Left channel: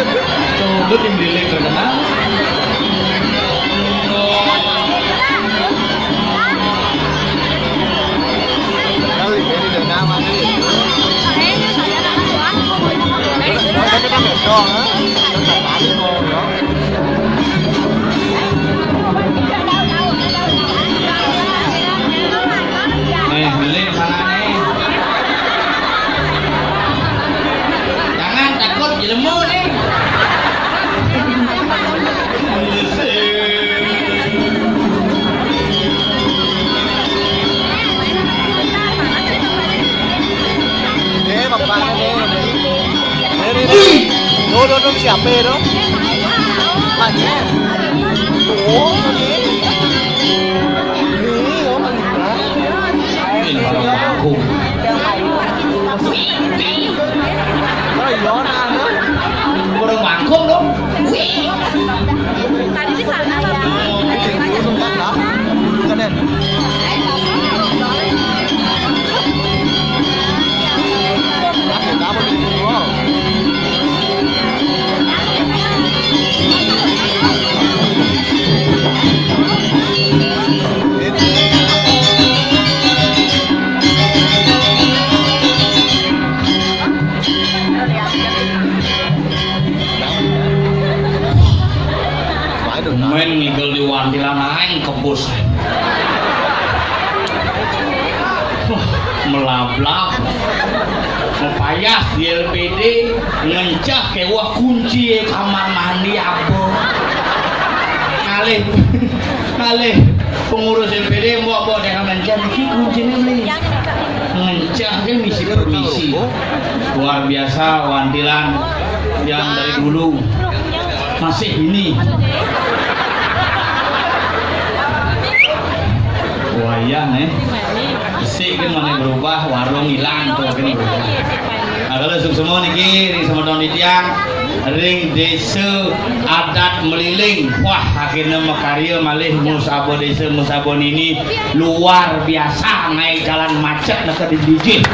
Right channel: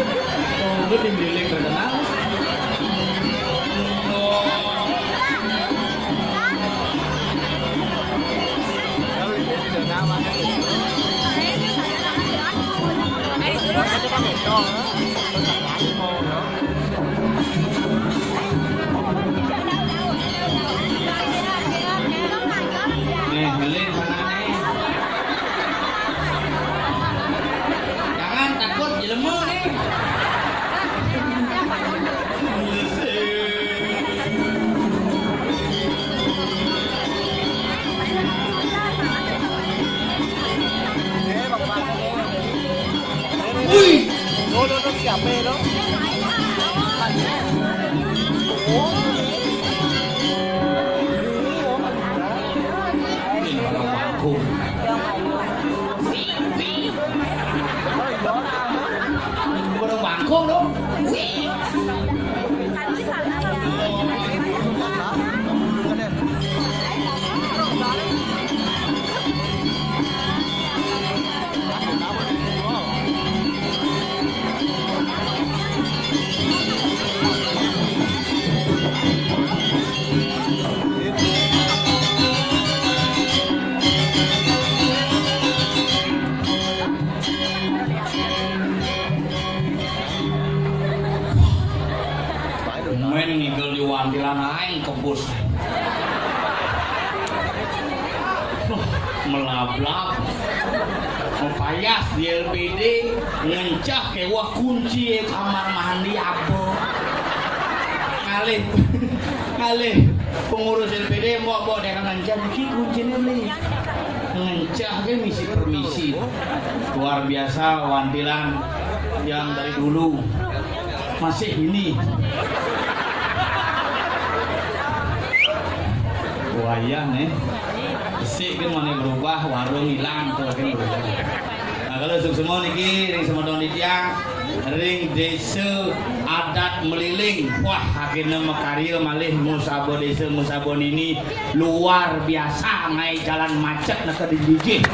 Tunggu tinggi terkenal. Beli mana nih? Jangan takut jelemu nih. Nó siapa itu? Ini orang baku. Orang bangkong dong. Tadi di sana main ngigel di wantilan aing kebus. Melablak mepayah di LPD ngencah kewah kunci kamar mandi apa ngalih pengurus LPD bawa dengan ngencah ini kuncinya beli ngencah dia misi permisi luar biasa wantilan yang dari dulu masih ini wayah nih isi kan mana berubah warung hilang tuh kan berubah. Nah kalau semua niki semua tahun tiang ring desa adat meliling wah akhirnya makarya malih musabo desa musabon ini luar biasa naik jalan macet nak di DJ.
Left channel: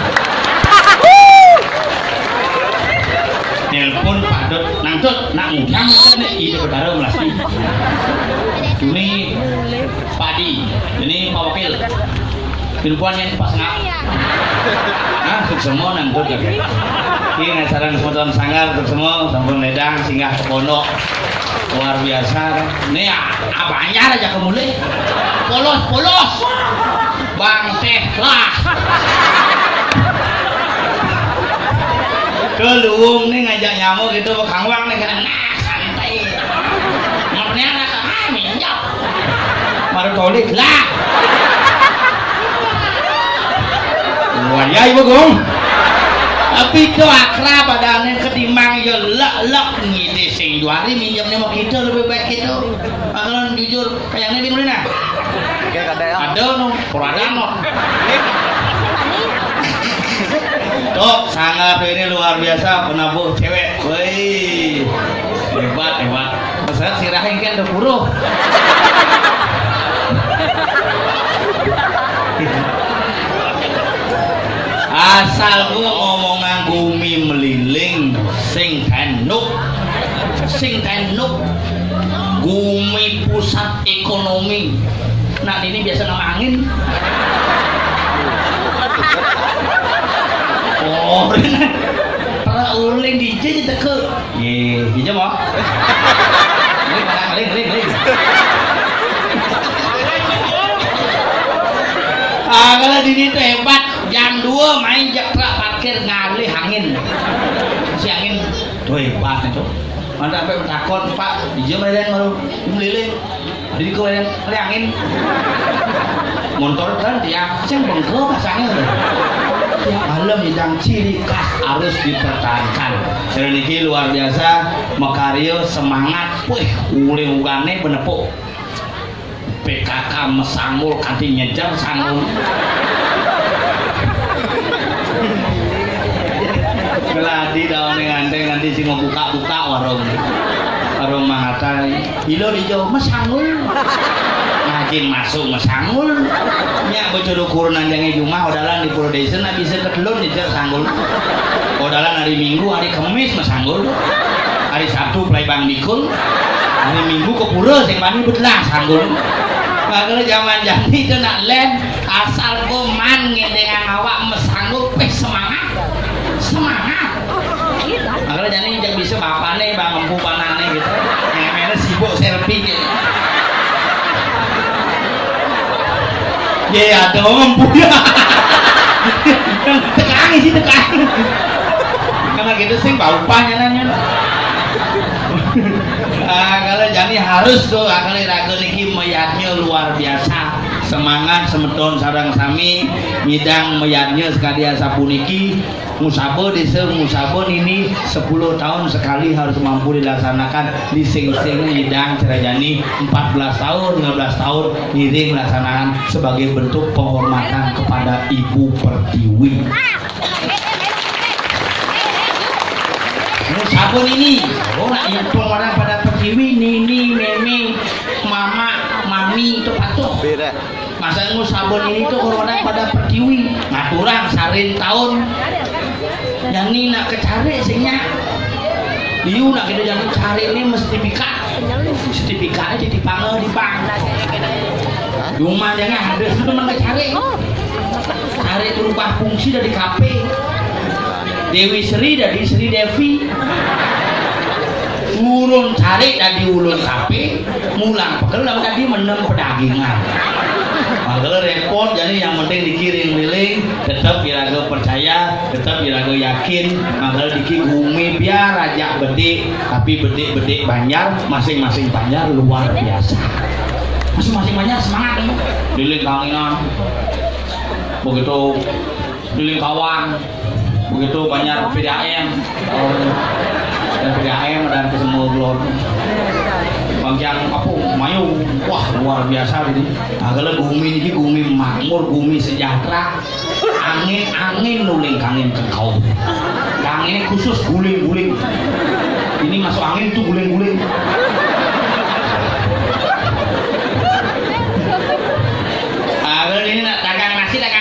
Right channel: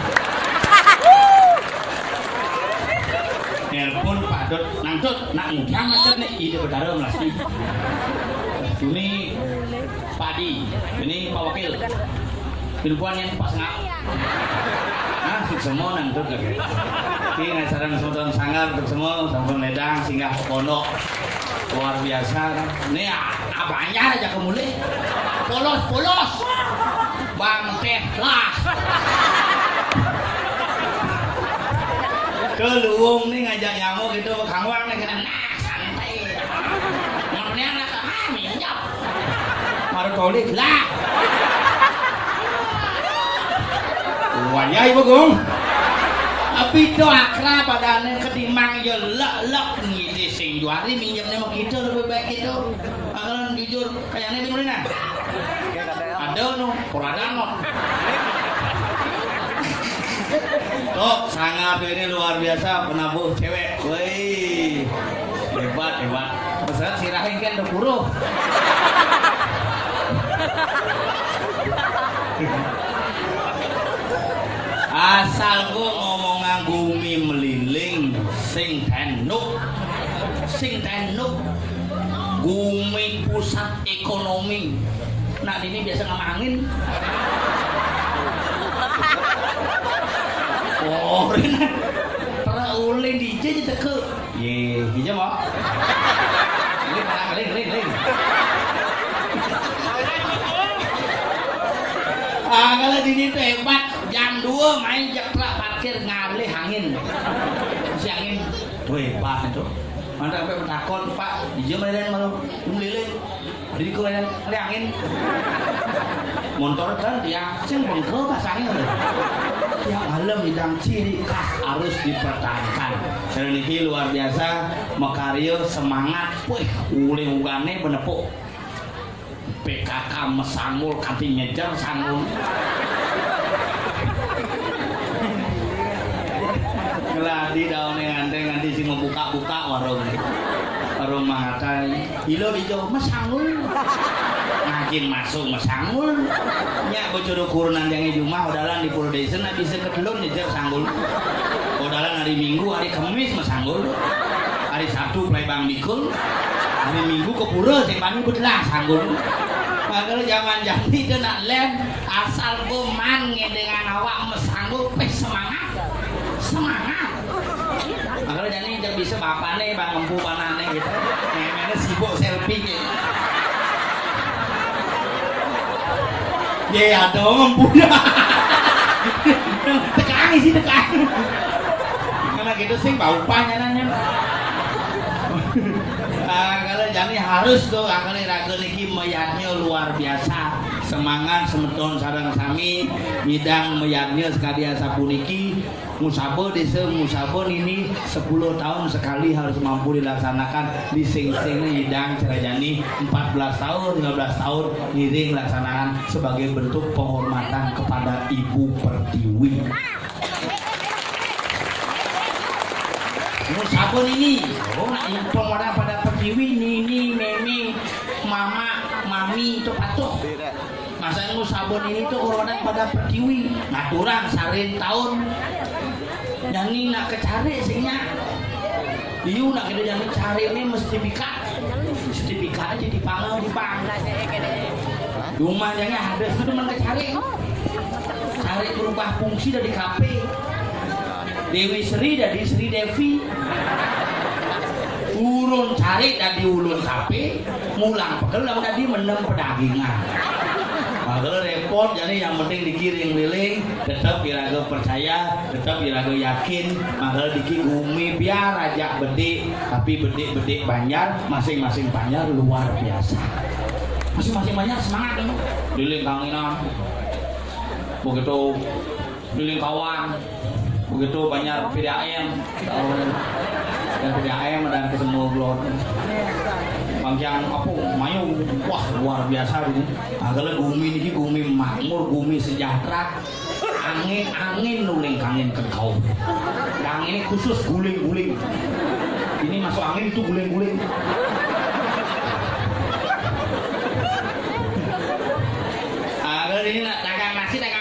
Telepon Pak Dot nangtut nak ngunyam macet nih ide betara melasti. Ini Padi, ini Pak Wakil. Pilpuannya pas ngap. Nah, semua nangkut lagi. Ini ngajaran semua tahun sanggar semua sampun ledang singgah ke pondok. Luar biasa. Nih abangnya aja kemulai. Polos. Bang teh lah. Keluung nih ngajak nyamuk gitu Kang Wang nih kan santai. Namanya anak minyak. Baru tolik lah. Wah, ibu gong. Tapi itu akrab badannya ketimbang ya lek ngide sing duari minjamnya mau kita lebih baik gitu. Kalau jujur kayaknya di mana? Ada no, porada no. Tuh, sangat ini luar biasa penabuh cewek. Woi, hebat. Masalah si Rahim kan udah buruh. Asal gua ngomongan bumi meliling sing tenuk bumi pusat ekonomi. Nah ini biasa nama angin. Oh, para uling DJ jadi ke. Ye, DJ mau? Ling. Kalau di sini hebat. Jam 2 main jakra parkir ngalih angin. Si angin tuh hebat itu. Mana sampai bertakon Pak, dijam lain baru melilih. Jadi kau yang angin. Motor kan dia ceng bengkel pasangnya loh. Tiap malam hidang ciri khas harus dipertahankan. Dan ini luar biasa, makarya semangat. Wih, uling-ulangnya benepuk. PKK mesangul kanti nyejar sangul. Keladi daun nganti sih mau buka warung mangata hilo hijau mesangul ngajin masuk mesangul nya bocor ukuran yang Jumat odalan di Pulau Desa nak bisa ketelun nyejar sanggul odalan hari Minggu hari Kamis mesangul hari Sabtu play Bang Dikul, hari Minggu ke pura sing mani belah sanggul. Kalau zaman jadi itu nak len asal goman ngedengan awak mesanggup semangat kalau jadi jangan bisa bapak nih bang empu panane gitu ngemene sibuk selfie gitu ya ada empu ya tekan sih tekan karena gitu sih bau panjangannya kalau jadi harus tuh kalau ragu niki mayatnya luar biasa semangat semeton sarang sami ngidang mayatnya sekalian sapuniki musabo desa musabo ini 10 tahun sekali harus mampu dilaksanakan di sing-sing ngidang cerajani 14 tahun 15 tahun ngiring laksanakan sebagai bentuk penghormatan kepada Ibu Pertiwi. Sabun ini, nak yang orang pada Pertiwi, nini, nene, mama, mami itu patuh. Masa sabun ini tuh orang pada Pertiwi, ngaturang sarin tahun. Yang ini nak kecari sihnya, iu nak kita jangan cari ini mesti pika aja dipanggil di bang. Rumah jangan ada itu memang cari berubah fungsi dari kafe. Dewi Sri dari Sri Devi ulun cari dari ulun kape mulang pegel lalu tadi menang pedagingan kalau repot jadi yang penting dikirim liling tetap biraga percaya tetap biraga yakin maka dikirim umi biar raja bede tapi bede banjar masing-masing banjar luar biasa masing-masing banjar semangat liling kangenan begitu liling kawan begitu banyak PDAM dan PDAM dan kesemua blog panjang apa mayu wah luar biasa ini agak gumi ini gumi makmur gumi sejahtera angin nuling kangin kengkau angin khusus guling ini masuk angin itu guling agak ini nak dagang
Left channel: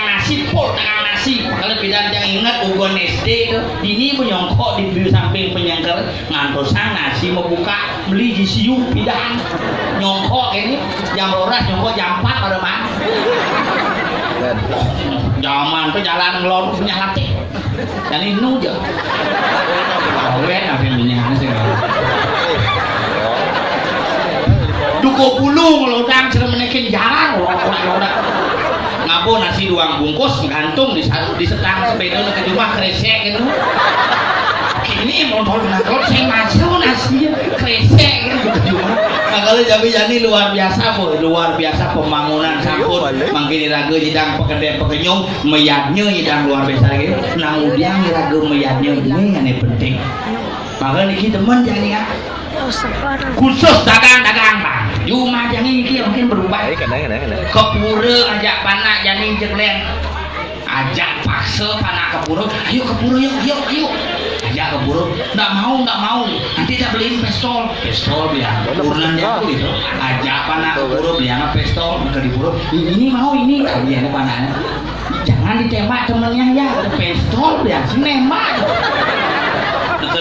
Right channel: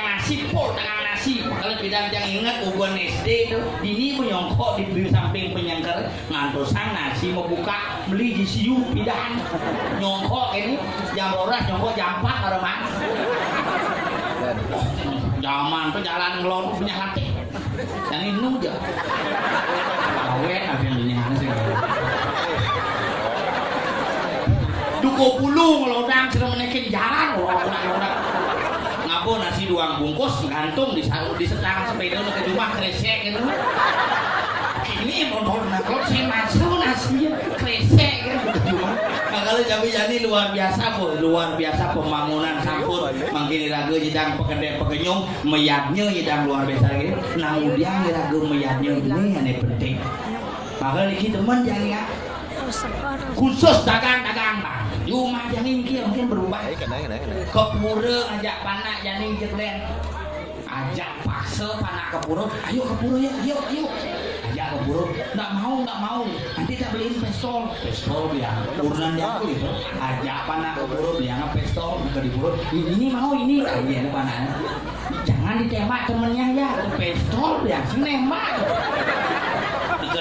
nasi pol dagang nasi kalau bidang yang ingat ugon SD itu ini menyongkok di samping penyangkar ngantosan nasi mau buka beli di siu bidang nyongkok ini jam roras nyongkok jam 4 ada mah zaman itu jalan ngelon punya latih dan ini aja awet apa yang punya sih duko pulung lodang sudah menekin jalan lodak ngabo nasi doang bungkus gantung di setang sepeda ke rumah kresek gitu ini motor kalau saya masuk nasi kresek gitu ke rumah kalau jadi luar biasa pembangunan sampun mangkini raga jidang pekedai pekenyong meyatnya jidang luar biasa gitu nang udiang raga meyatnya ini yang penting maka ini teman jadi ya khusus dagang bang Yuma jangan ini mungkin berubah ke pura ajak panak jangan jeklen ajak paksa panak ke pura ayo ke pura yuk ajak ke pura nggak mau nanti kita beliin pistol biar urunan dia gitu ajak panak ke pura beliin pistol ke di pura ini mau ini ini panaknya jangan ditembak temennya ya pistol biar nembak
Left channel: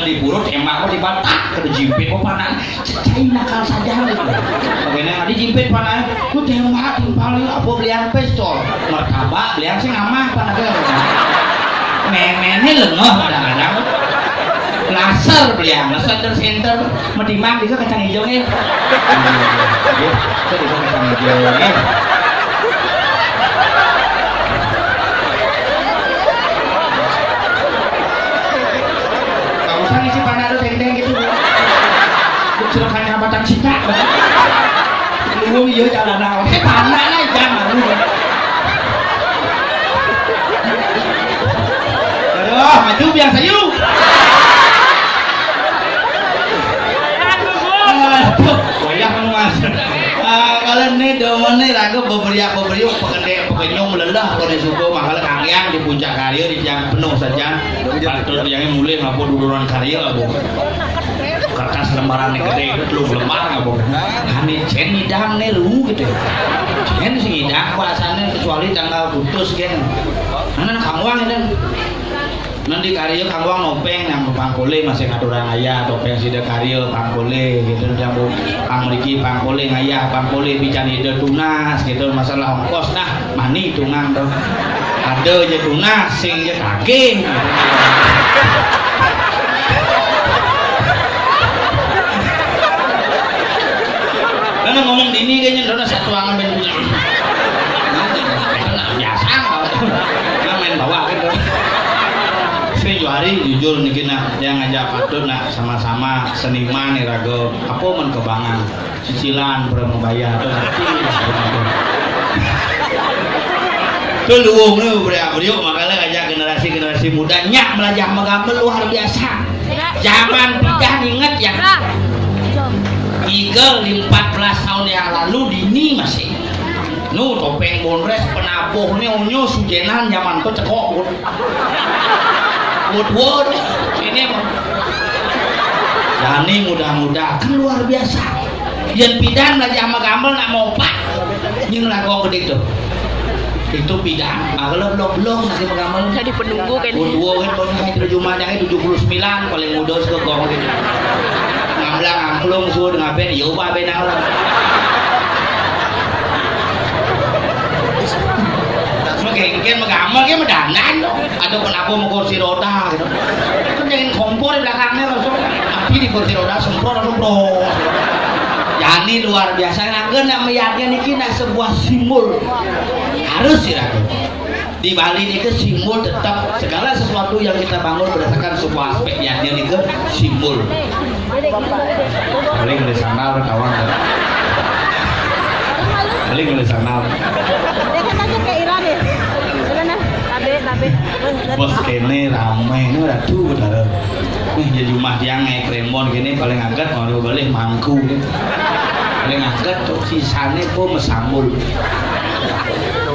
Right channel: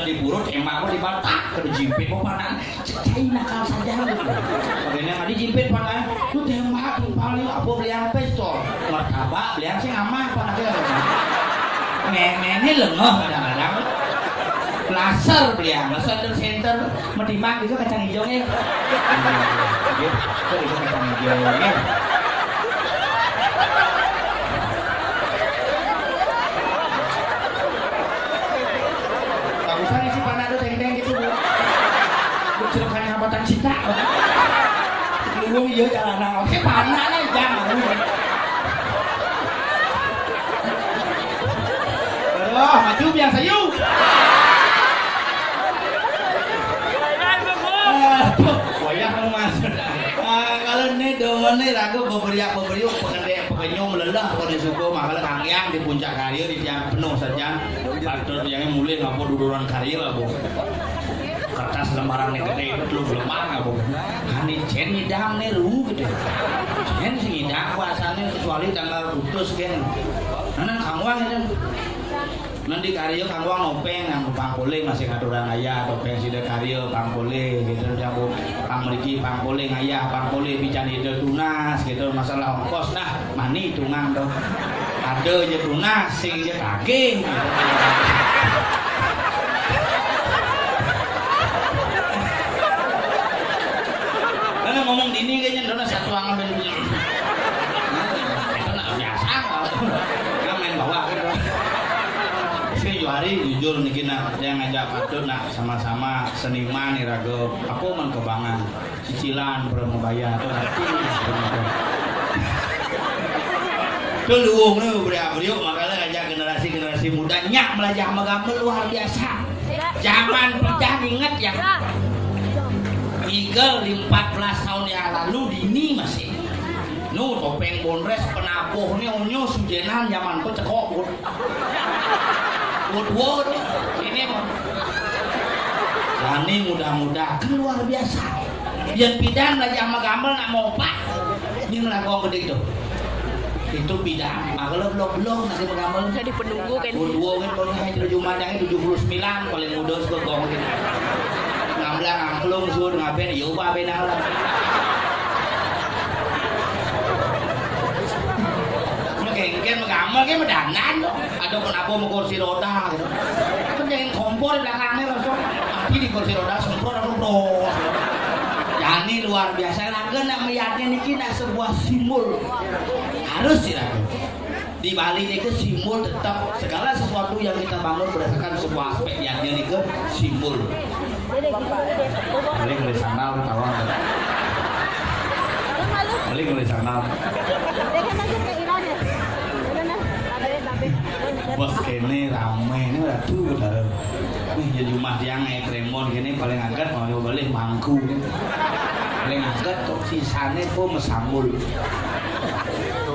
di buruk emak kok dibatak ke jimpit kok panah cai nakal saja bagaimana di jimpit panah ku tembak timpal apa belian pistol martabak belian sing amah panah ke memene lengah kadang-kadang laser belian laser center medimang bisa kacang hijau nih bisa kacang hijau nih isi panah itu teng-teng gitu celakanya batang cinta lu iya jalan awal panah lah jangan lu aduh maju biasa yuk aduh wayah mas kalau ini domen ini ragu berberiak pekenyong melelah kalau disuruh makanya kalian di puncak karya di yang penuh saja terus yang mulai ngapur duluran karya bu kertas lembaran yang gede itu belum lembar nggak bu kami cen hidang nih lu gitu cen sih hidang kuasanya kecuali tanggal putus kan karena kamuang itu nanti karya kanggo nopeng yang pangkole masih ngaturan ayah topeng sida karya pangkole gitu jambu pang mriki pangkole ngayah pangkole pican ide tunas gitu masalah ongkos nah mani tungang dong ada aja tunas sing aja daging karena ngomong dini kayaknya udah satu angan main biasa nggak main bawa gitu sini hari jujur nih kena yang ngajak patut nak sama-sama seniman nih rago apa menkebangan cicilan belum membayar tuh nanti tuh luung nih beliau makanya ngajak generasi muda nyak belajar menggambar luar biasa zaman pidah inget yang 14 tahun yang lalu dini masih nu topeng bonres penabuhnya unyu sujenan zaman tuh cekok wood ini jadi mudah-mudah kan luar biasa yang pidan lagi sama gambar nak mau pak nhưng là con gede itu pidan belum lagi gambar jadi penunggu kan wood kan kalau jumlahnya 79 paling muda ke gong gitu ngamlang angklung suruh ngapain ya ubah benar lah mungkin menggambar kan mendandan ada kenapa mau kursi roda gitu kan jangan kompor di belakangnya langsung tapi di kursi roda semprot jadi luar biasa nganggen yang meyaknya ini kena sebuah simbol harus sih di Bali ini ke simbol tetap segala sesuatu yang kita bangun berdasarkan sebuah aspek yang ini ke simbol paling dari sana kawan paling dari sana bos kene ramai ini udah tuh udah nih jadi rumah yang kremon gini paling agak mau balik mangku paling agak tuh sisanya kok mesambul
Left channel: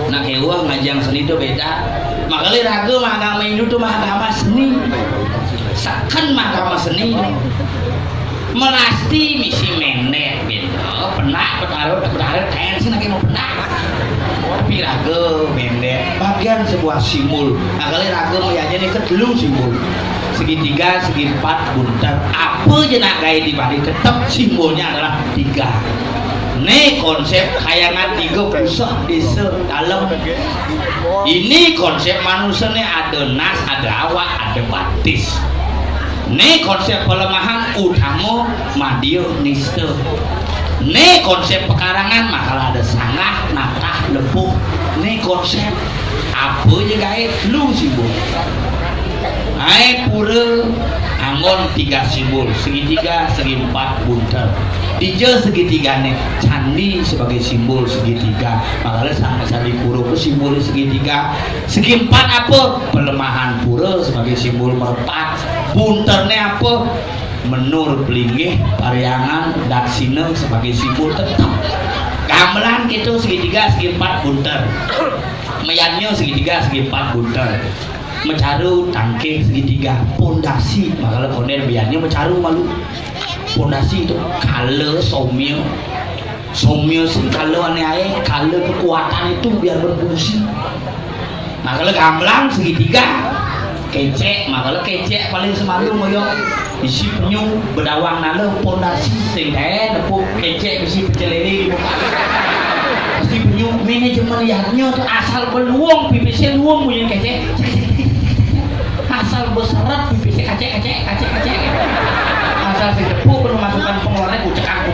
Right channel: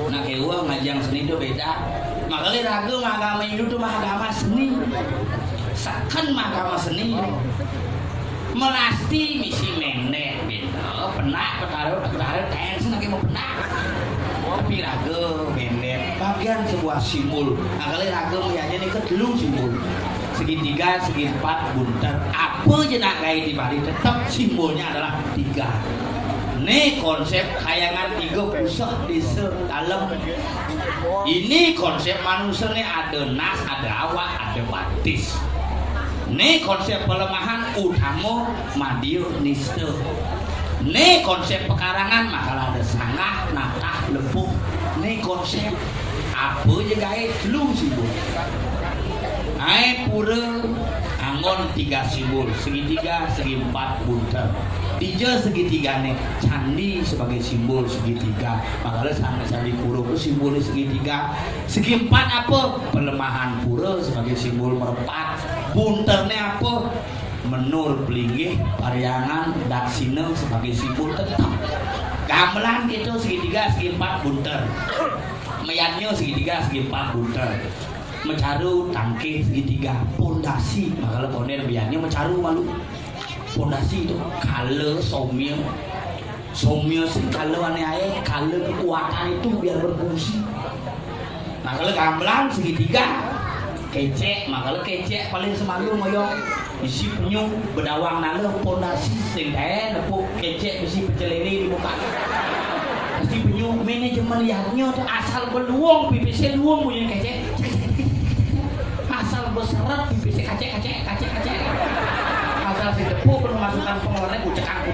nah kewa ngajang seni itu beda makanya ragu agama Hindu tuh agama seni kan agama seni melasti misi menek gitu penak petaruh tensi lagi mau penak tapi ragu menek bagian sebuah simbol makanya ragu meyaknya ini kedelu simbol segitiga segi empat buntar apa aja nak gaya di Bali tetap simbolnya adalah 3 ini konsep khayangan 3 pusat desa dalam ini konsep manusia ini ada nas, ada awak, ada batis ini konsep pelemahan utama madya nista ini konsep pekarangan makalah ada sangah, natah, lepuh ini konsep apa aja gaya lu simbol pura anggon 3 simbol segitiga, segi 4 buntar Dija segitiga nih candi sebagai simbol segitiga makanya sama candi pura itu simbol segitiga segi 4 apa pelemahan pura sebagai simbol merpat buntarnya apa menur pelinggih pariangan daksina sebagai simbol tetap gamelan gitu segitiga segi 4 buntar meyanyo segitiga segi 4 buntar mecaru tangke segitiga pondasi makanya koner biarnya mecaru malu pondasi itu kale somyo sih kale aneh kale kekuatan itu biar berfungsi makanya gamelan segitiga kecek makanya kecek paling semalu moyo isi penyu bedawang nalo pondasi sing nepuk kecek isi pecelere isi penyu manajemen lihatnya tuh asal beluang pipisi luang punya kecek asal berseret pipisi kacek asal si depu perlu masukkan pengeluarannya kucekang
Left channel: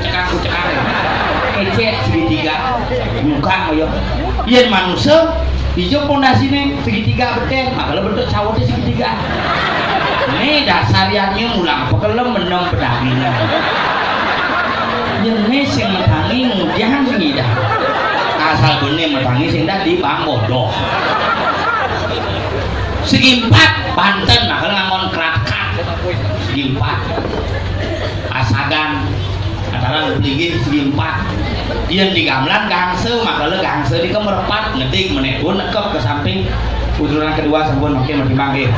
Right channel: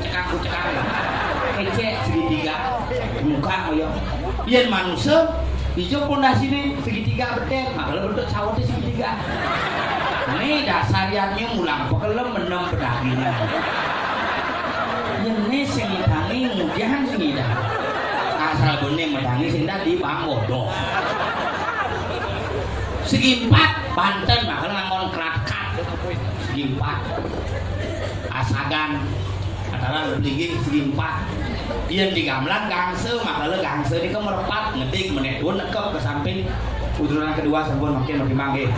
kecek segitiga buka ayo iya manusia hijau pondasinya segitiga betul makanya bentuk sawatnya segitiga ini dasariannya mulang pekelem menem pedagingnya jenis yang metangi mudian sengidah asal dunia metangi sehingga di Bangbodoh segi 4 Banten nah kalau ngamon kerakat segi 4 Asagan antara beli segi 4 dia di gamelan gangse makanya gangse ini kemerpat ngedik menekun nekep ke samping ujuran kedua sampun makin mangge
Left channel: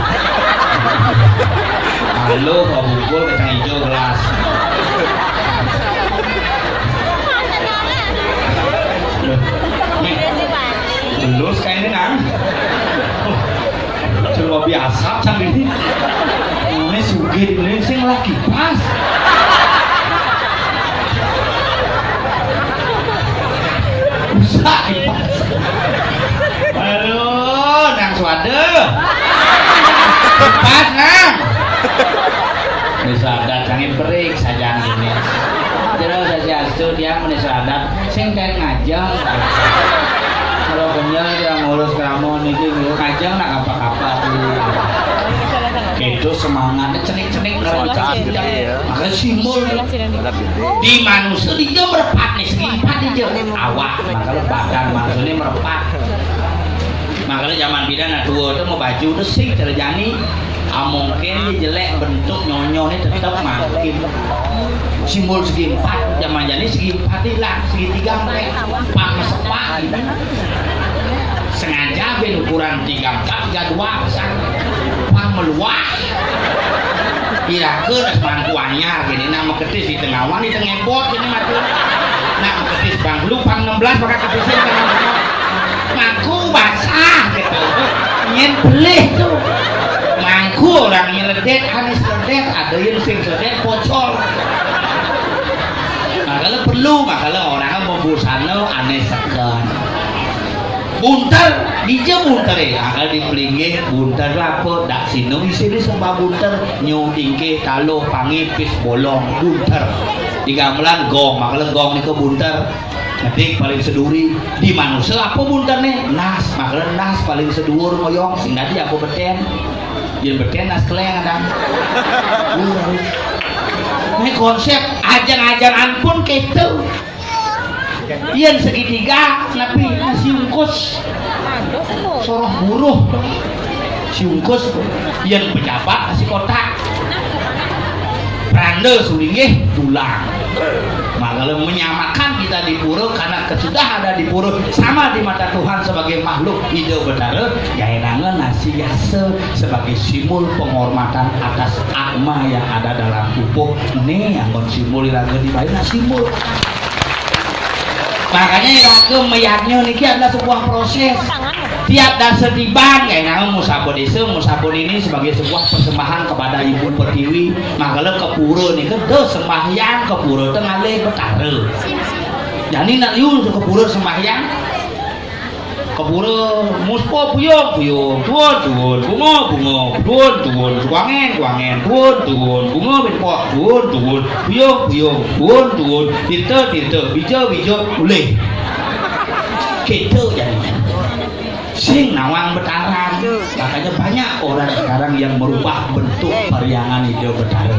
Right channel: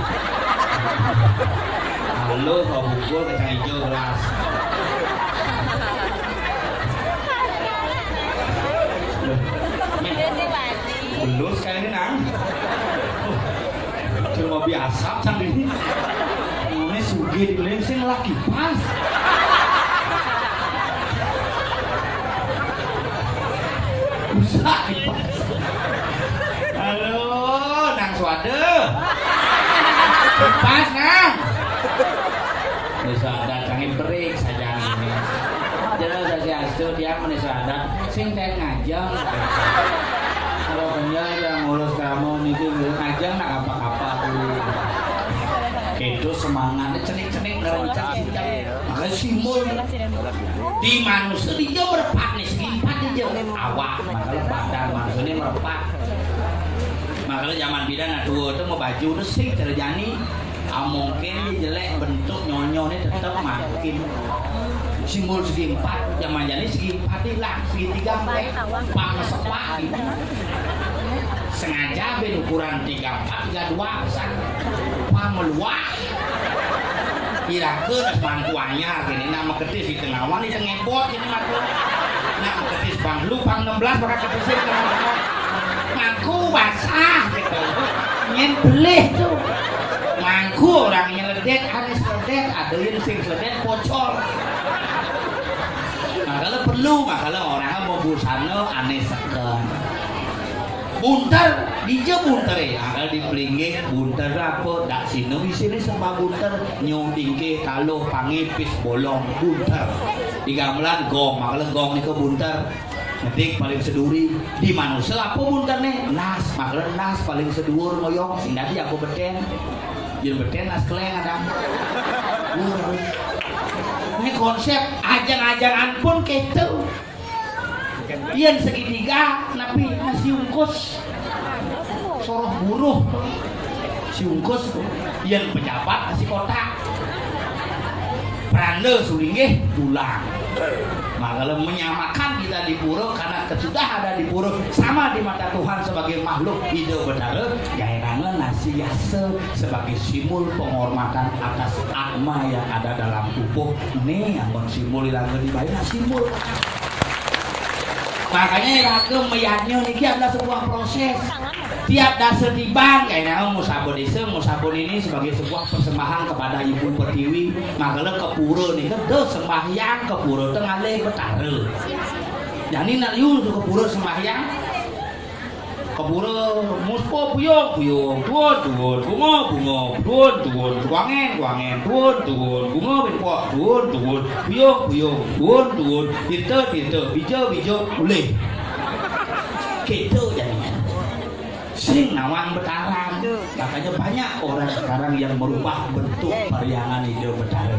halo kau bukul kacang hijau gelas lulus kayak ini nang coba gua biasa sambil ini. Ini sugih di Beli sing lagi pas. Usah kipas. Aduh, nang suade. Kipas nang. Bisa ada cangin berik saja ini. Terus saya astu dia menesadat sing kayak ngajang. Kalau kenyang yang ngurus kamu niki ngajang nak apa-apa tuh. Itu semangatnya cenik-cenik ngerencang maka simbol di manusia dia merepat nih segi empat dia awak makanya badan manusia merepat makanya zaman bidan tua itu mau baju itu sih terjadi mungkin jelek bentuk nyonyone tetap makin simbol segi empat zaman jadi segi empat hilang segi tiga mereka pak mesepak gitu sengaja ben ukuran 34 32 pesan pang meluah kira-kira semangku anyar gini nama ketis di tengah wan di tengah bot ini matu nama ketis bang lu pang 16 pakai ketisnya tengah mangku basah gitu nyen belih tuh mangku orang nyeledek anis ledek ada yang sing sedek pocol makanya perlu makanya orang mau busana aneh segan bunter dia bunter ya akal dipelinggih bunter apa dak sino isine sembah bunter nyongtingke taloh pangipis bolong bunter di gamelan gong makanya gong niku bunter ngetik paling seduri di manusia apa bunter nih nas makanya nas paling sedur moyong sing tadi aku beten jeung beten nas keleng ada ini konsep ajang-ajangan pun gitu ian segitiga tapi si ungkus soroh buruh si ungkus ian pejabat si kotak rande sulinggih tulang makanya menyamakan kita di pura karena kesudah ada di pura sama di mata Tuhan sebagai makhluk hidup benar ya enangnya nasi yase sebagai simbol penghormatan atas akma yang ada dalam tubuh ini yang simbol lagi dibayar simbol makanya raga meyaknya ini adalah sebuah proses tiap dasar tiban kayak nama musabon itu musabon ini sebagai sebuah persembahan kepada ibu pertiwi makanya ke pura ini kan sembahyang ke pura tengah le betara jadi nak liu ke pura sembahyang ke pura muspo puyong tuan bunga tuan kuangen tuan bunga benpok tuan puyong tuan tirta bijo boleh gitu jadi sing nawang betaran makanya banyak orang sekarang yang merubah bentuk periangan hidup betara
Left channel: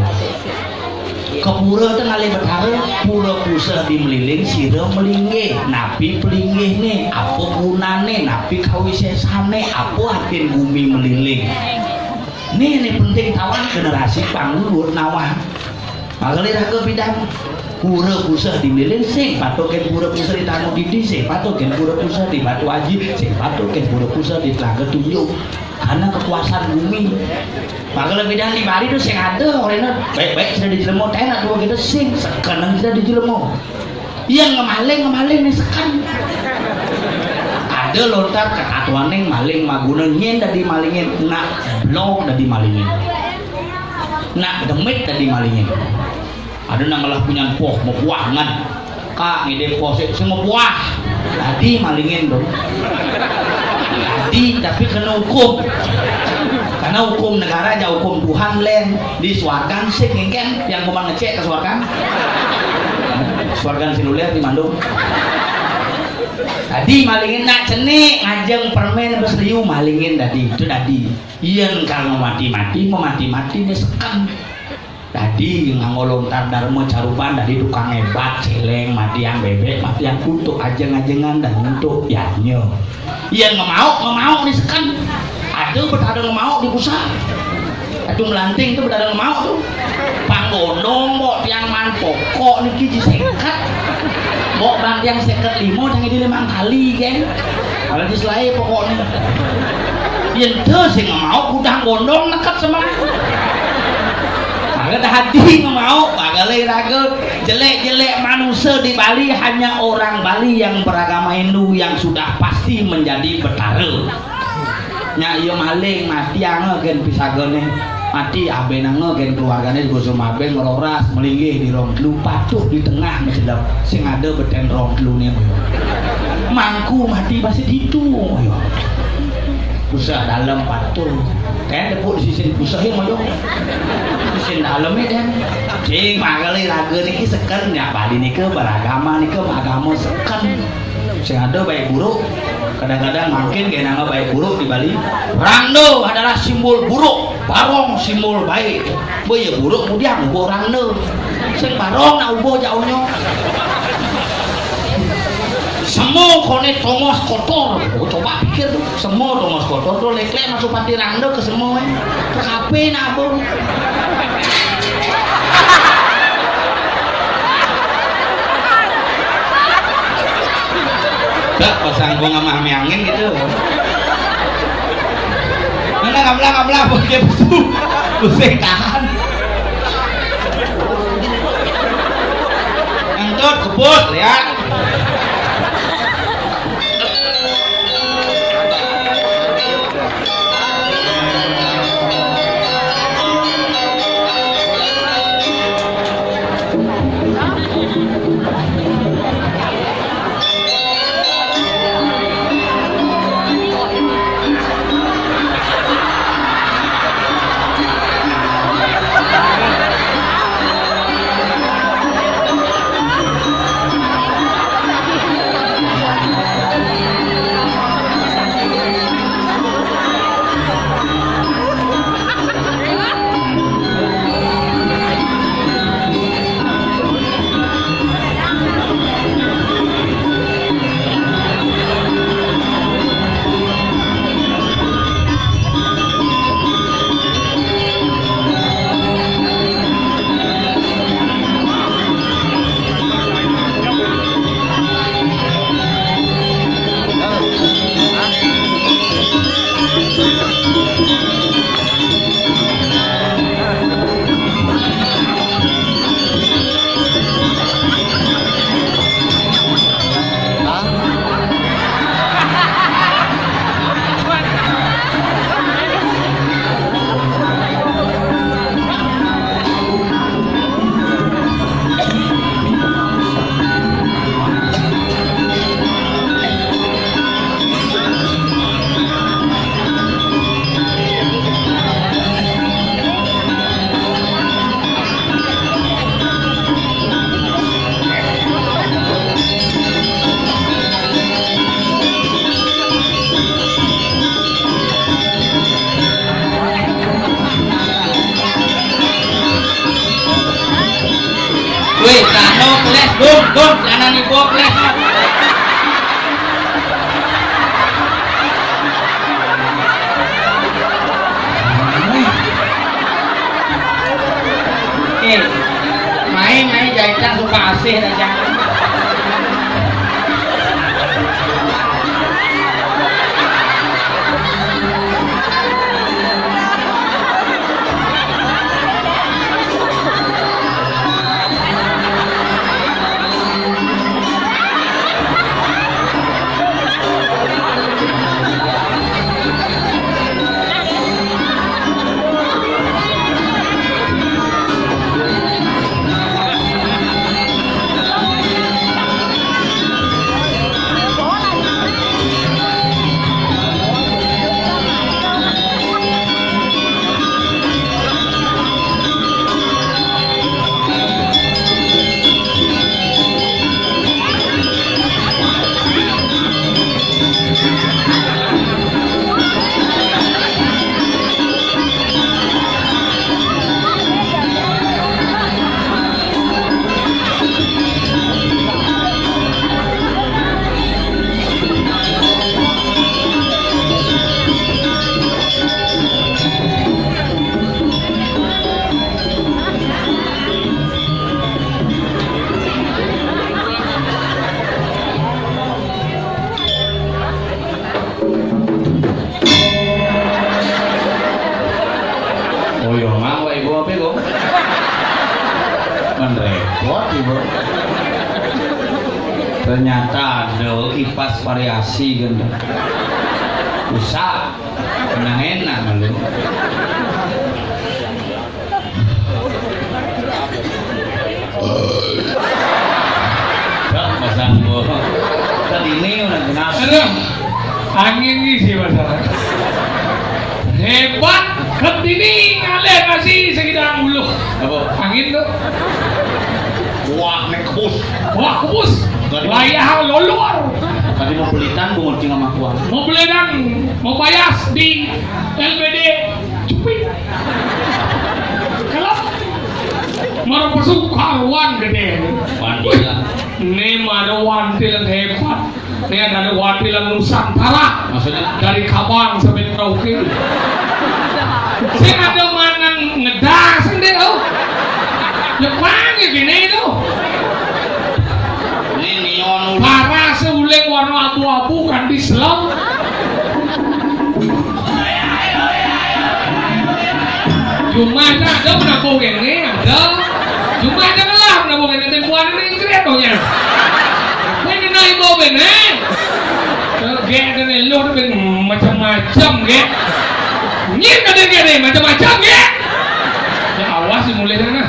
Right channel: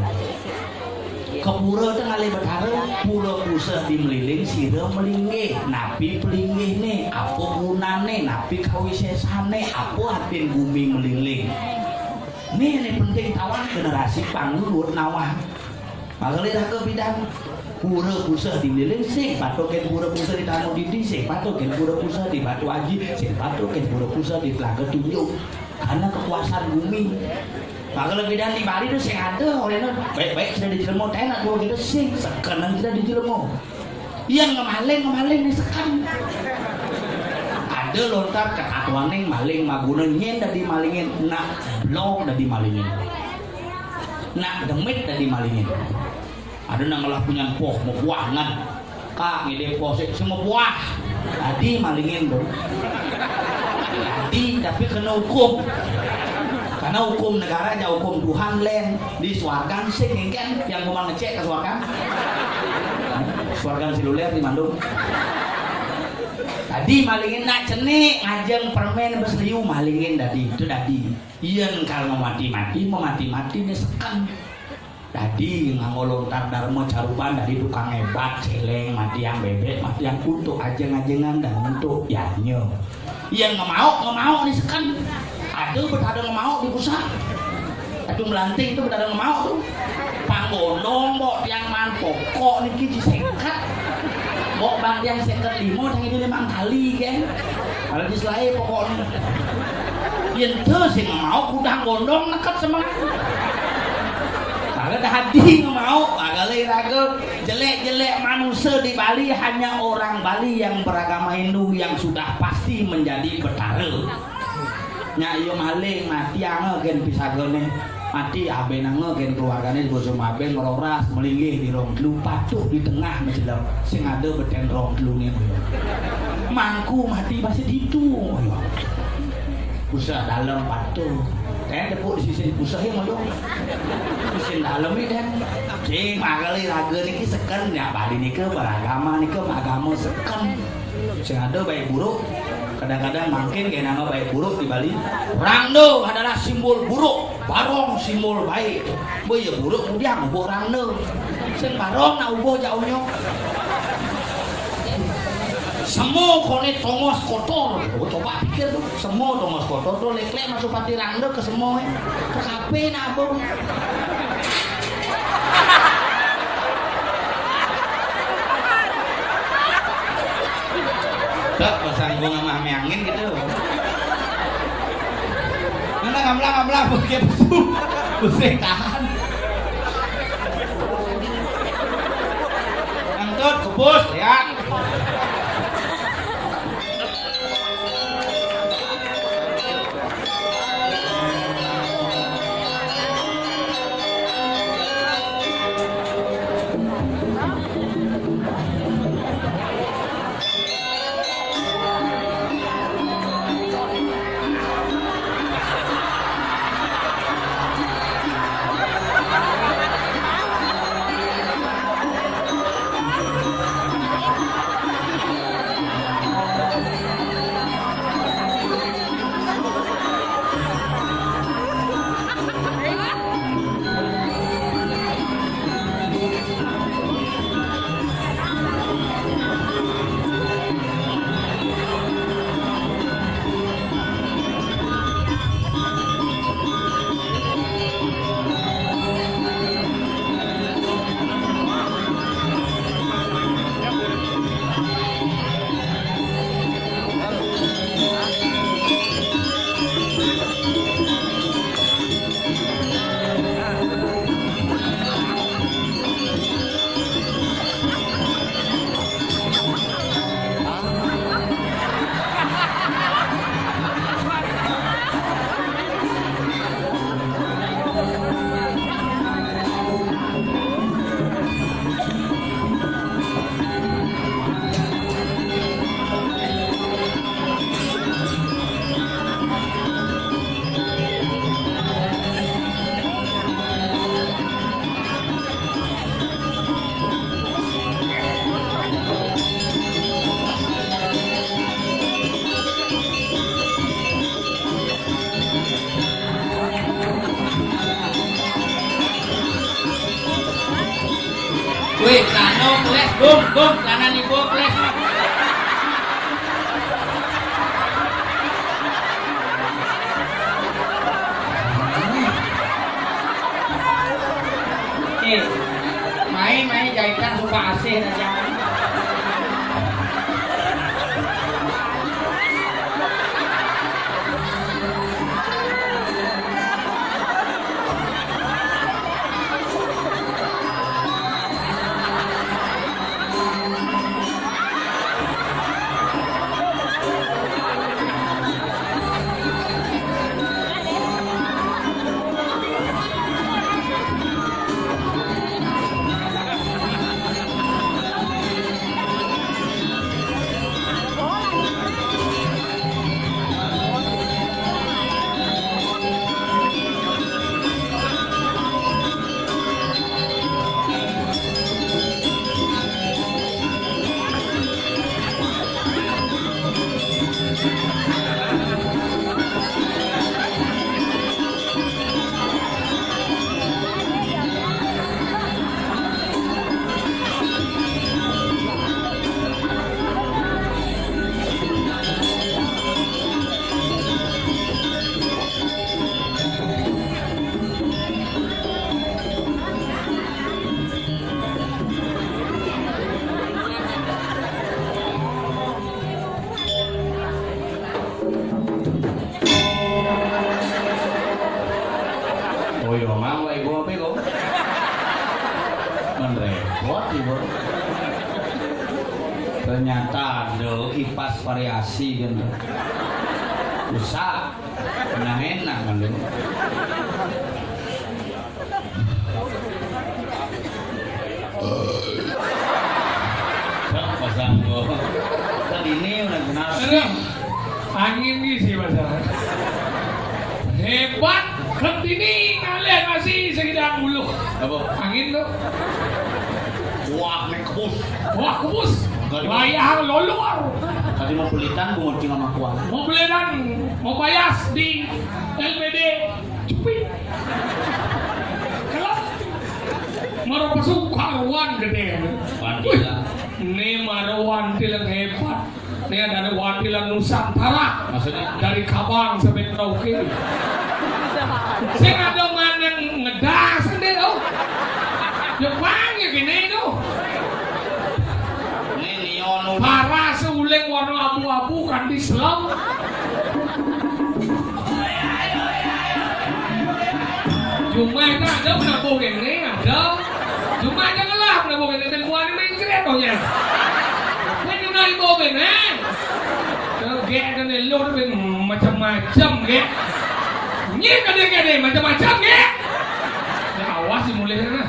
ke pura tengah le betara pura pusa di meliling sira melinggih napi pelinggih nih apa gunane napi kawisesane apa atin bumi meliling ini penting tawan generasi pangluhur nawang makanya ke bidang pura pusat di milik sing patoken pura pusat di Tamu Didi sing patoken pura pusat di Batu Aji sing patoken pura pusat di Telaga Tunjuk karena kekuasaan bumi maka lebih dari mari itu sing ada orangnya baik-baik sudah dijelemo tenak dua kita sing sekarang sudah dijelemo yang ngemaling nih sekarang ada lontar ketatuan maling magunan nyen dari malingin nak blong dari malingin nak demit dari malingin ada nanggalah punya poh mau buahan kak ngide posek semua buah tadi malingin dong tadi tapi kena hukum karena hukum negara aja hukum Tuhan len di Swargan sih kan yang mau ngecek ke Swargan seluler di Bandung tadi malingin nak cenik ngajeng permen besriu malingin tadi itu tadi yang kalau mati nih sekam tadi ngangolontar darmo caruban dari tukang hebat celeng mati yang bebek mati yang untuk ajeng-ajengan dan untuk yanyo iya nggak mau nih sekan aduh berada nggak mau di pusat aduh melanting itu berada nggak mau tuh panggondong bok yang man pokok nih kiji sengkat bok bang yang sengkat limo yang ini 5 kali kan kalau di selai pokoknya yang tuh sih nggak mau kudang gondong nekat sama maka hati nggak mau maka raga jelek-jelek manusia di Bali hanya orang Bali yang beragama Hindu yang sudah pasti menjadi betara nya iya maling mati anggen pisagone mati abenang gen keluargane di boso maben meroras melinggih di rong telu patuh di tengah mecelap sing ada beten rong telune moyo mangku mati pasti ditu moyo pusat dalam patuh kayak depuk di sisi pusatnya moyo sisi dalamnya dan cing magali raga niki seken ya bali niki beragama niki agama seken sing ada baik buruk kadang-kadang makin kayak nama baik buruk di Bali rangno adalah simbol buruk barong simbol baik boy buruk kemudian ubo rangno sing barong na ubo jauhnya semua kone tongos kotor coba pikir tuh semua tongos kotor tuh lek-lek masuk pati rangno ke semua ke kape na abong gak pasang bunga mami angin gitu mana ngamlah pakai pusing tahan ngentut kebut lihat wih, kano kles, dun, jangan dibawa kles. Main jahitan suka asih aja. Ternyata ada kipas variasi gitu bisa Nah enak kan lu. Pasang gua. Tadi ini udah kenal. Aduh, angin ini sih masalah. Hebat, ketini ngalir masih sekitar bulu. Apa? Angin tuh, Wah, naik kebus. wah kubus, wayah lolor. Tadi mau pelitan, gue ngerti sama kuah. Mau beli dan mau bayar di LBD Cupit. Kalau mau masuk karuan gede. Wanita. Ini ada wantil yang hebat. Ini ada wantil yang Nusantara. Maksudnya? Dari Kabang sampai Merauke. Saya ada mana ngedas sendiri oh. Ya mana gini tuh? Ini neon. Parah seuling warna abu-abu kan di selam. Cuma ada menabung ini ada. Cuma ada lah menabung ini tempuan ini keren dong ya. Ini naik bawa bener. Gak ada lo ben macam-macam gak. Nyir kadang-kadang macam-macam gak. Ya awas sih mulai sana.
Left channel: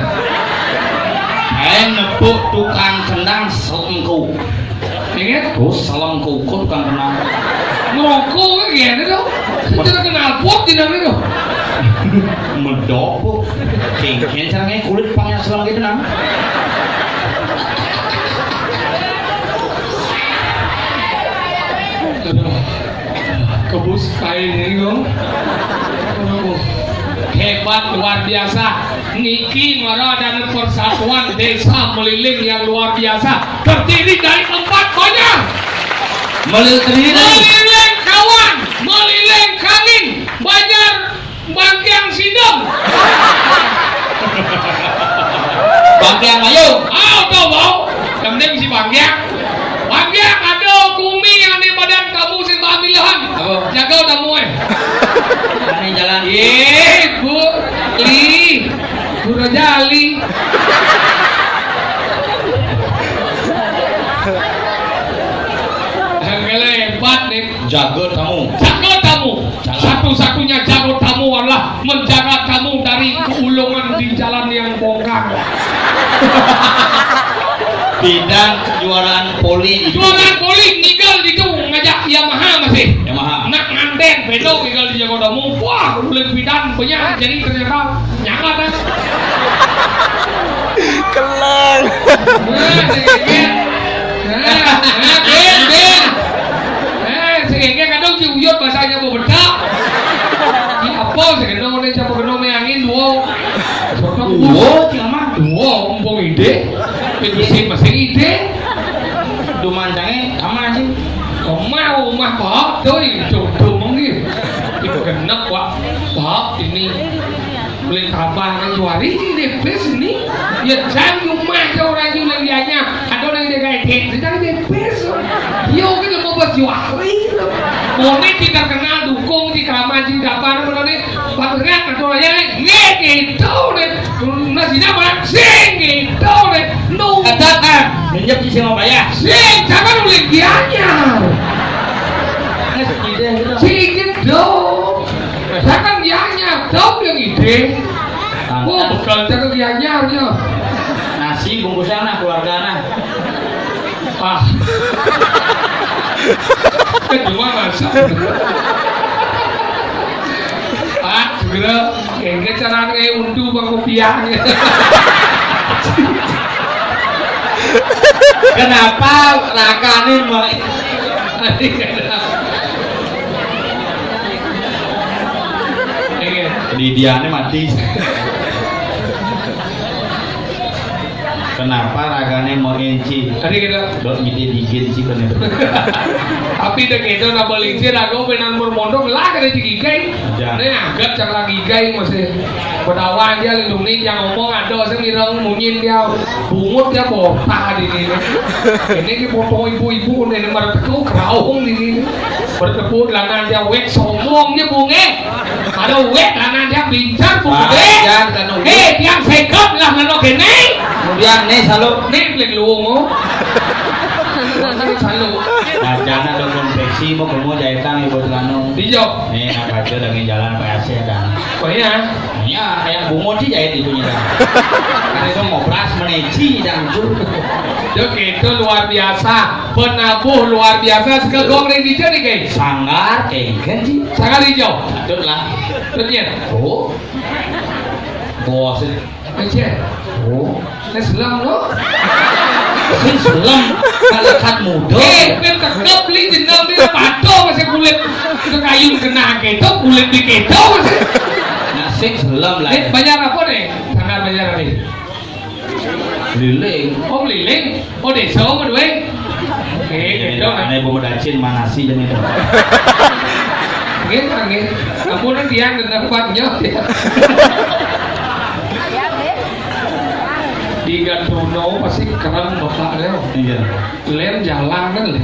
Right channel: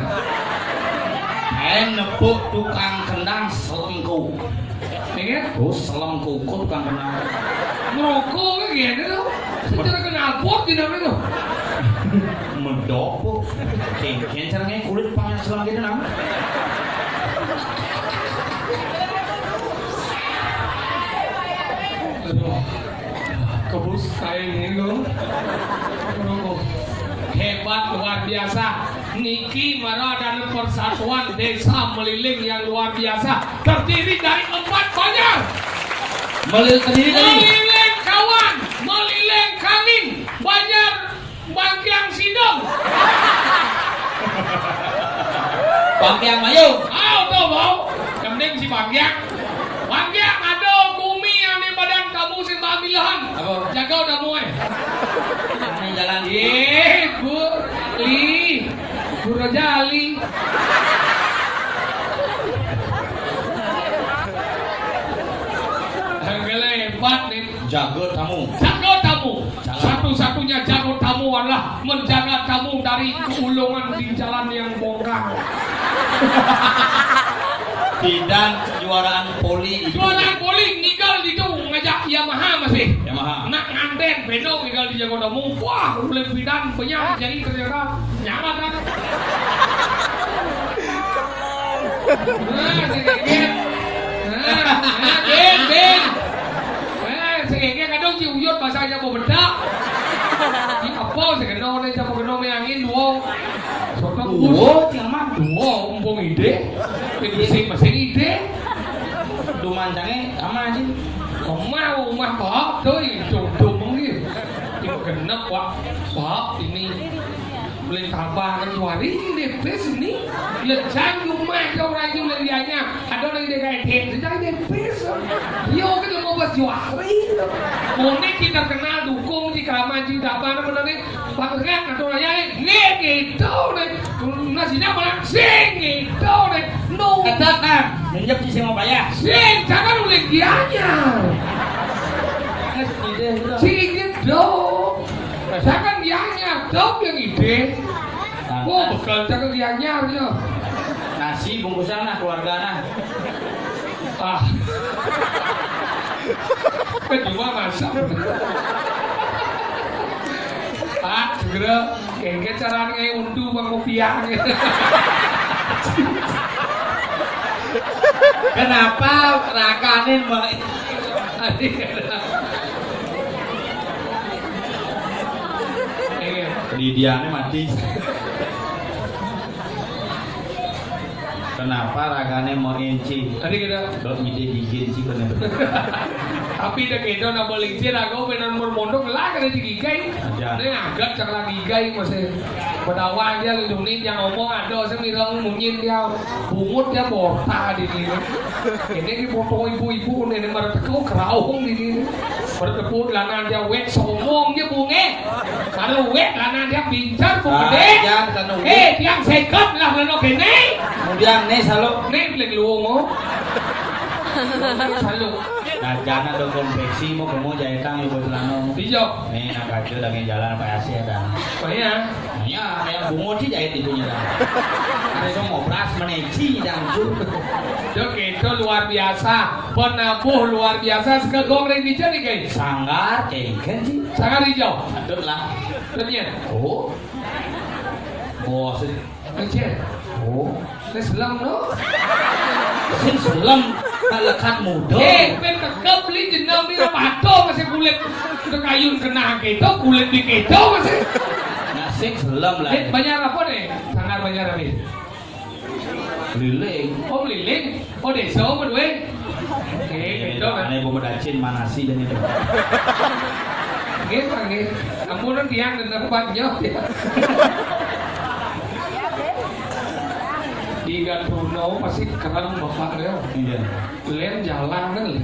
Nepuk tukang kendang selengku. Ingat? Terus selengku kok tukang kendang. Ngerokok kan gini tuh. Kita kenal pot di dalam itu. Medok bu. Kengken caranya kulit pangnya selang gitu nang. Kebus kain ini dong. Hebat luar biasa. Niki Mara dan Persatuan Desa Meliling yang luar biasa terdiri dari 4 banyak. Meliling kawan, meliling kangin, banyak bangkiang sidem. Bangkiang ayo. Tahu bau? Yang penting si bangkiang. Bangkiang ada kumi yang di badan kamu si pamilihan. Apa? Jaga udah muai. Ini jalan. Bu Li, Bu Rojali. Hebat nih. Jaga tamu. Jaga tamu. Satu-satunya jaga tamu adalah menjaga kamu dari keulungan di jalan yang bongkar. Bidang kejuaraan poli. Jualan poli nigel itu ngajak Yamaha masih. Yamaha. Nak nganten pedok nigel di jago tamu. Wah, boleh bidan banyak jadi ternyata nyangat dah. Keleng. Nah, segegek. Ben. Segegek kadang si uyut bahasanya mau bedak. Ini apa segegek ini siapa kenal angin dua. Dua, umpung ide. Penjusin masing ide. Dumancangnya aman sih. Mau mah Pak, tuh jodoh mungkin. Itu genep Pak. Pak ini beli kabar kan juari ini depes ini. Ya jangan rumah jauh lagi dianya. Ada orang yang kayak gitu, jangan depes. Yo kita mau buat juari. Monet tidak kenal dukung di kamar di dapur mana nih? Patutnya ada orang yang gitu deh. Nasi apa? Sing gitu deh. No. Katakan. Minjam sih mau bayar. Sing jangan beli dianya. Sedikit dong. Jangan dianya dong yang ide. Oh, bukan jangan dianya aja. Nasi bungkusan nah keluarga nah. Ah. Kedua masak. Pak, segera kayaknya caranya untu bang kopiah. Kenapa rakane Lidiane mati. Kenapa ragane mau enci? Tadi kita Dok ngide digin sih bener. tapi dek itu nama lincir aku benar bermondok lah kada digigai. Ini agak cak lagi gigai masih berdawan dia lindung nih yang ngomong ada saya mirang munyin dia bungut dia bota di sini. Ini ki foto ibu-ibu nih merteku keraung di sini. Bertepuk langan dia wek somong dia bunge. Ada wek langan dia bincar bunge. Tiang sekap lah lalu kene. Kemudian nih selalu Nih beli luong oh. Selalu. Nah, jangan ada konveksi mau kamu jahitan ibu telanung. Hijau. Nih, apa aja lagi jalan PAC dan. Oh iya. Ya, kayak bungut sih jahit ibunya dan. Karena itu ngobras meneci dan itu. Itu luar biasa. Penabuh luar biasa. Segegong ring hijau nih guys. Sanggar kan sih. Sangat hijau. Betul lah. Ternyata. Oh. Bos. Aja. Oh. Ini selam lo. Sing selam kalekat muda. Kan tetep beli jenel dia pato masih kulit itu kayu kena keto kulit di keto masih. Nah, sing selam lah. Banyak apa nih? Sangat banyak nih. Liling. Oh liling. Oh desa mau duit. Oke, keto. Karena ibu medacin manasi jam itu. Nggih. Ampun dia kena kuatnya. Di Gandruno pasti keren bapak Leo. Iya. Len jalan kan le.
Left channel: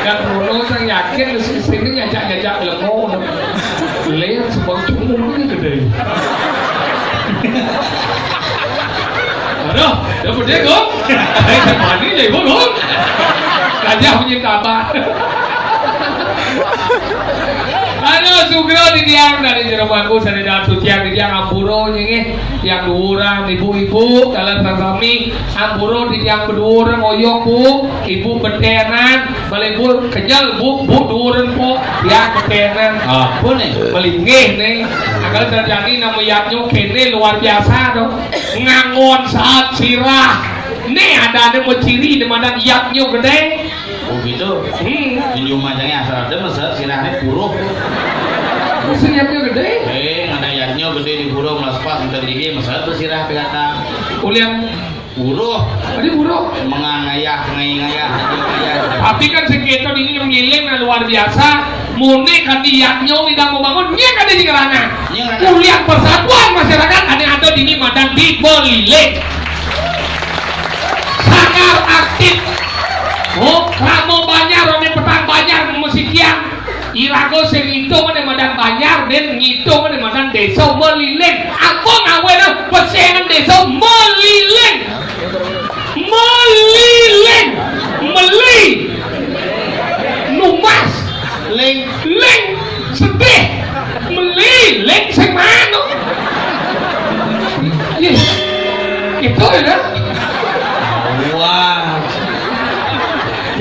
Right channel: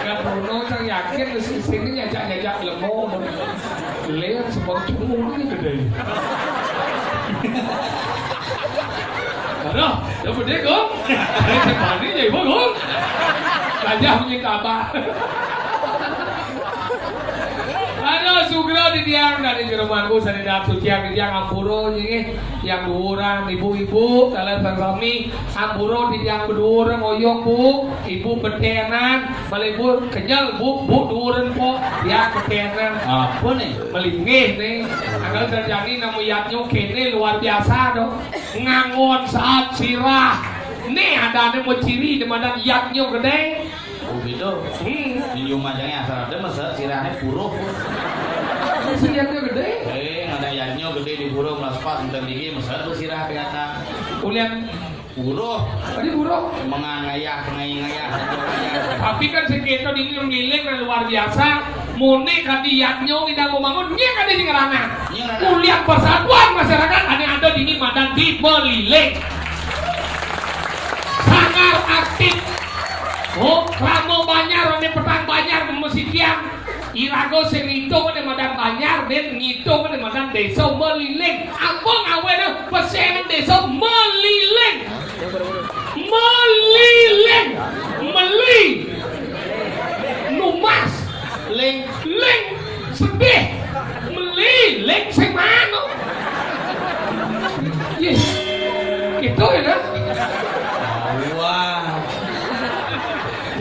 Gandruno saya yakin di sini ngajak lemon. Len sebang cumung ini gede. Aduh, dapat dia kok. Saya mandi deh kok. Raja punya kabar. Ano sugro di tiang dari jeromanku sana datu tiang di tiang ampuro nyenge tiang duran ibu-ibu kalian sami ampuro di tiang kedua ngoyong bu ibu betenan balik bu kenyal bu duran po tiang betenan Apa nih? melingih nih agar terjadi nama yaknyo kene luar biasa dong ngangon saat sirah nih ada ciri di mana yaknyo gede. Oh gitu. Ini rumahnya asal ada masa sirahnya buruh. Mesin yaknyo gede. Ada yaknyo gede di buruh melaspas ntar gigi masa bersirah kata. Ulian Buruh. tadi buruk. Mengangayah. Tapi kan sekitar ini meliling luar biasa. Muni kan di yaknyo tidak mau bangun, dia kan di kerana. Kuliah persatuan masyarakat ada di Madan di Beliling. Sangat aktif. Oh, kamu banyak, orang petang banyak, musikian. Irago serinto mana Madan banyak, dan ngitung mana Madan desa Meliling. Apa ngawena pesengan desa Meliling. Meli, Numas, Ling, sedih, Meliling sing mana? Yes, itu ya. Wah.